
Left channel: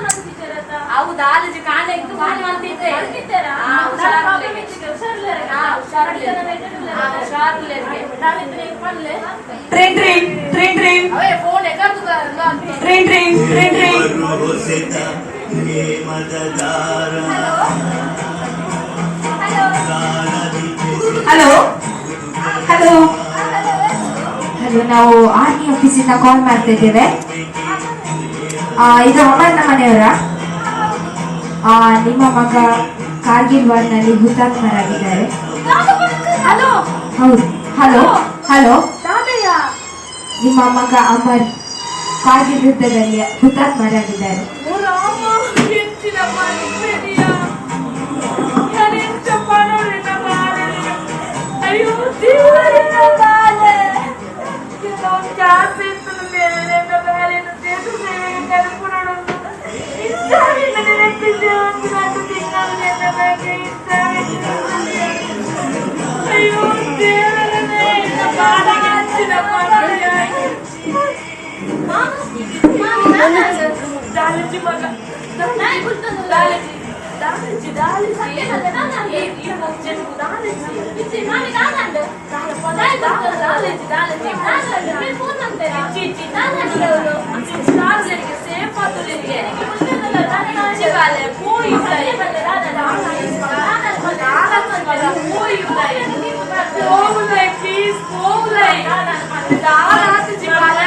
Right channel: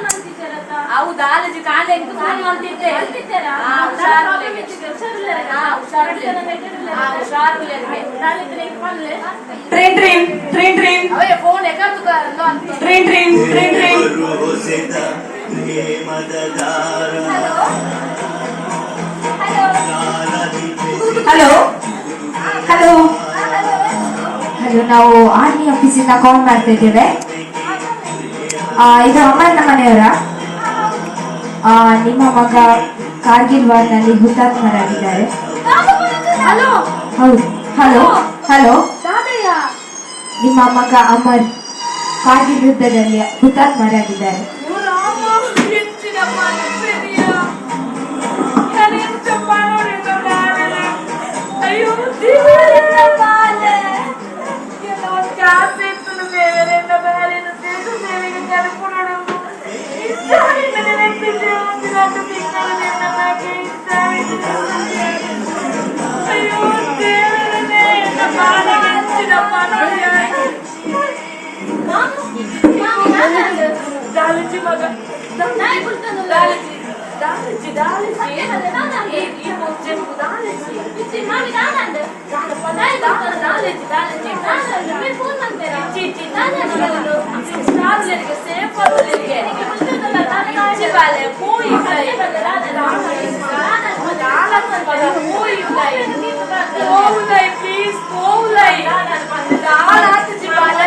ಅವು ದಾಲಜಿ ಕಾಣೆ ಫೋನ್ ಮಾಡ್ತಿದ್ದೆ Train, train, train, train. ಅವೇ ಫೋನ್ ಎಕರ್ದು Train, train, train, train. Hello hello hello ನಾವು ಆರ್ಮಿ ಆಫೀಸಿಂದ ಕಾಲ್ ಮಾಡ್ತಾ ಇದ್ದೇವೆ ಇದು ಅಮರನ ಮನೆಯವರ ನಿಮ್ಮ ಮಗ ಕಾರ್ಗಿಲ್ ವಾರ್ನಲ್ಲಿ ಹುತಾತ್ಮರಾಗಿದ್ದಾರೆ. ಹಲೋ ಹೌದು ಹಲೋ ಹಲೋ ದಾದಯ್ಯ ನಿಮ್ಮ ಮಗ ಅಮರ್ ಕಾರ್ಗಿಲ್ ಯುದ್ಧದಲ್ಲಿ ಹುತಾತ್ಮರಾಗಿದ್ದಾರೆ. ಹೆಚ್ಚಿನ ಮನಸ್ಸಿದೆಯ ನಾನೆಂತ ಮಾಡೋಣ ಬಾರನೆ ಅಯ್ಯೋ ದೇವರ ಬಾಲೆ ಕೆಲವೊಂದು ಜಾಸ್ತಿ ಇತ್ತು ಬೇರೆ ಬಾಲೆನ ದೇಶ ಸೇವೆಗೆ ಕಲ್ಪುಣನು ಇಷ್ಟಾವಿಲ್ಲ ನೆನಪಿದ್ದೆ ಒಂದು ಗಂಟು ತಿಂಗಳು ನಿನ್ನ ಬಗ್ಗೆ ಇಷ್ಟಾವಿಲ್ಲ ಅಯ್ಯೋ ದೇವರನೇ ಇನ್ನ ಬಾಲೆಗೆ ಹೆಚ್ಚಿನ ಮಾಡೋಣ ದಾಲಜಿ ಮಗ ದಾಲಜಿ ದಾಲಜಿ ದಾಲಜಿ ಈ ಮುಚ್ಚೆನು ದಾಲಜಿ ಇಚ್ಚಿ ಮಾಮಿ ದಾಲಂಡ ದಾಲಜಿ ದಾಲಜಿ ದಾಲಜಿ ಫೋನ್ ಅಂತಾರೆ ಇಚ್ಚಿ ದಾಲಜಿ ಅವರು ಶಾರ್ಲೆರಿಗೆ ಸೇಫ್ ಆದಲಿಗೆ ದಾಲಜಿ ಬಾಲೆ ಪೋಯಿ ಬಾಲೆ ದಾಲಜಿ ಬಾಲೆ ಪೋಯಿ ಬಾಲೆ ಪೋವುಲೈ ಪ್ಲೀಸ್ ಪೋವುಲೈ ದಾಲಜಿ ಬಾಲೆ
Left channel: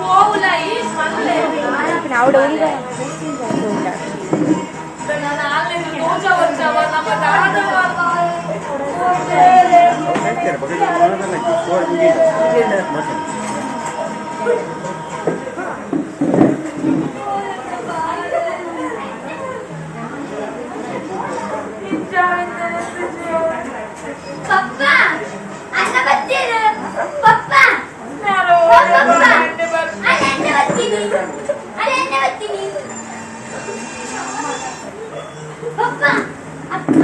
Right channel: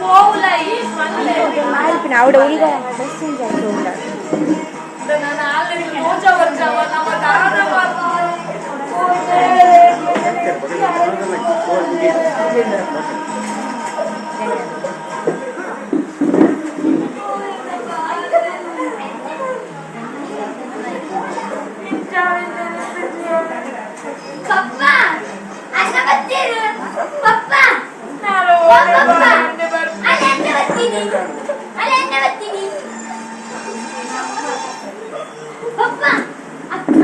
ಪೋವುಲೈ ಮಲ್ಲೆ ನಾನು ಆಲ್ರೆಡಿ ರೋಜ వచ్చావ ನಮ್ಮ ದಾದ ಪಪ್ಪ ಅನ್ನ ಬರ್ತೀರ ಪಪ್ಪ ನಾನು ಅನ್ನ ಬರ್ತೀನಿ ಅನ್ನ ಬರ್ತೀನಿ ಪಪ್ಪ ಅನ್ನ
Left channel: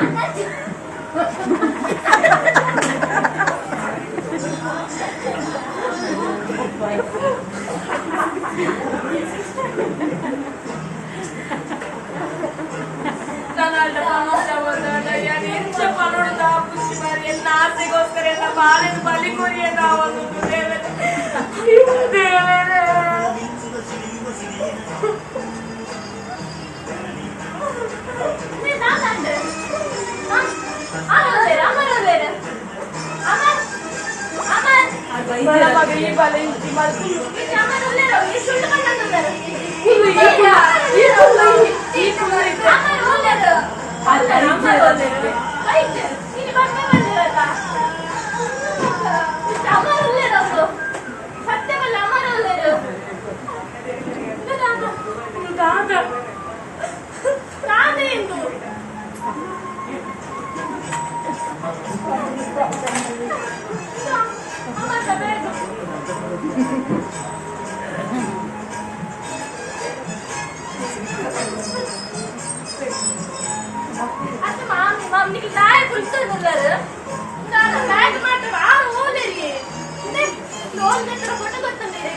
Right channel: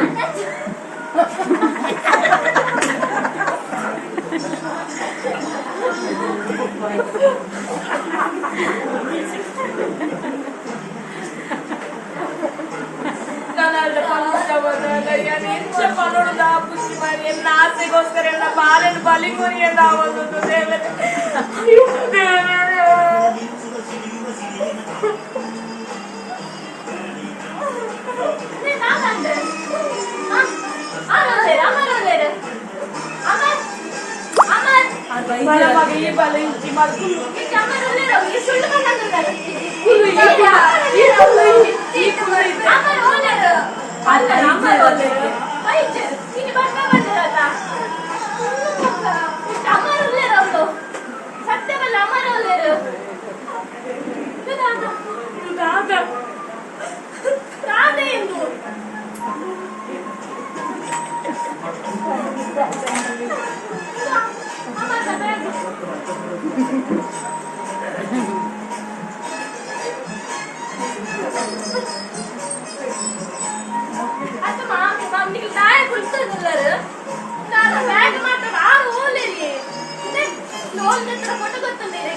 ನಾನಲ್ಲ ಎಂಚ ಪನೋಡು ಖುಷಿ ಮಾಡಿ ಎಲ್ಲ ಆಸೆಗೋಸ್ಕರ ಎಲ್ಲ ಬಾಳೆನ ಬಲಿ ಕೊರಿಯಲ್ಲ ಒಂದು ದೇವರೇ ಅಯ್ಯೋ ದೇವರೇ ಮಗ ಈ ಬಾಲ ಇಂಚಿ ಮಾಡ್ಕೊಂಡು ಸತ್ಯವಲ್ಲ ಅಮರಲ್ಲೇರು ರಾಧೆ ಎಂದು ಅತ್ತ ಮಾಮಿ ನಿಮಗೆ ತಾಯಿ ಕುಳಿತುಳ್ಳರು ನಾನು ಬ್ಯಾಗ್ ಮಾತ್ರ ಆರು ಓಲೇರಿ ಲೋನ್ ಹತ್ರ ಫೋಟೋ ಗೊತ್ತಂದಿರಿ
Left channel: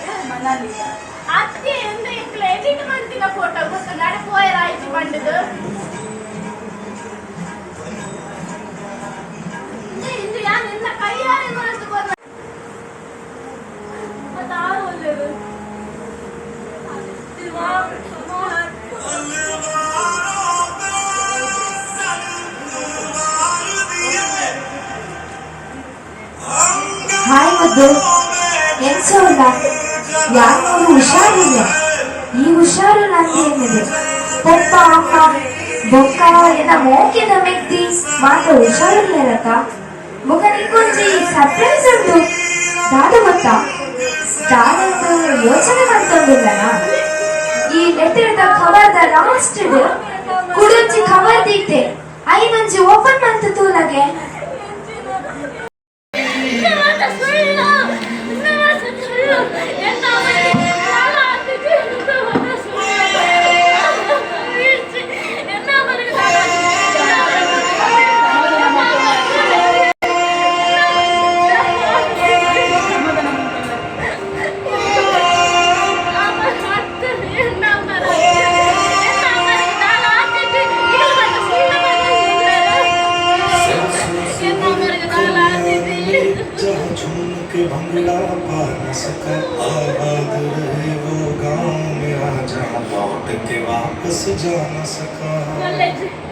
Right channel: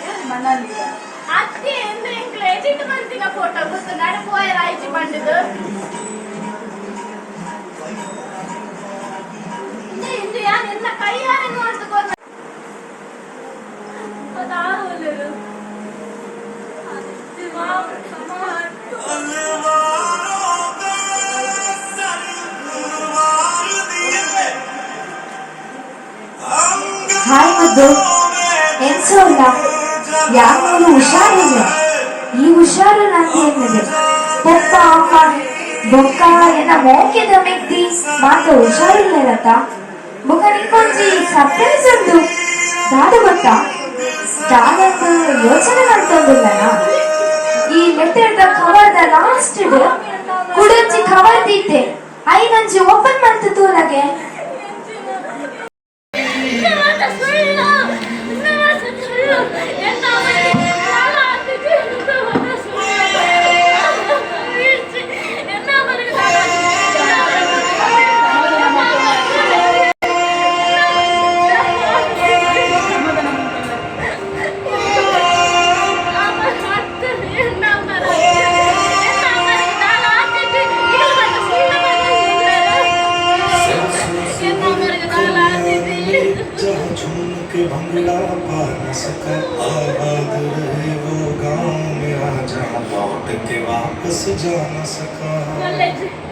ಅತ್ತೆ ಅಂದ್ರೆ ಇಂಕ್ಲ ಎಡಿಟ್ ಮಾಡ್ತೀನ ಫೋಟೋ ಗೊತ್ತು ನಾಳೆ ಪೋಯರ್ ಆಯ್ತು ಬಂದಿದ್ದು ಇಂದು ಯಾರು ಎನ್ನ ಕೈಯಾರೆ ಮಾಡ್ಕೊಂಡು ಅದು ಆರು ಓಲೇರು I'm ಎಂಸೋದ್ದು ಎನ್ಸೋಲ್ಲ ಯಾರು ಹುಷಾರಿಲ್ಲ ಈ ಹುಷಾರು ನಂಗೆ ಏನಿದೆ ತೆಪ್ಪ ಅಮ್ಮ ಬೊಕ್ಕ ಎನ್ನ ಮೋಕೆದ ಮೆಕ್ತಿ ಮಾತ್ರ ಹುಷಾರಿಲ್ಲರತ ಬೊಕ್ಕ ನಿಕ್ಕೊಂಚಿ ಸರ್ಪ್ರೈಸ್ ಉಂಟು ದಾದ ಗೊತ್ತಾ ದಾದಂದು ಯೋಚನೆ ಮಾಡ್ಕೊಂಡಿಲ್ಲನ ಈ ಲೆಟರ್ದ ಕವರ್ದ ಲಾಸ್ಟ್ ಕುಡಂಚಿ ಕವರ್ ದಿತ್ತೆ ಐದಂಚಿ ಓಪನ್ ಮಾಡ್ತು ತೂಲಗೆ जहाँ झूम के भंगड़ा पा न सका आबाद रहे वो गाँव मेरा जहाँ लौट के वापस जा न सका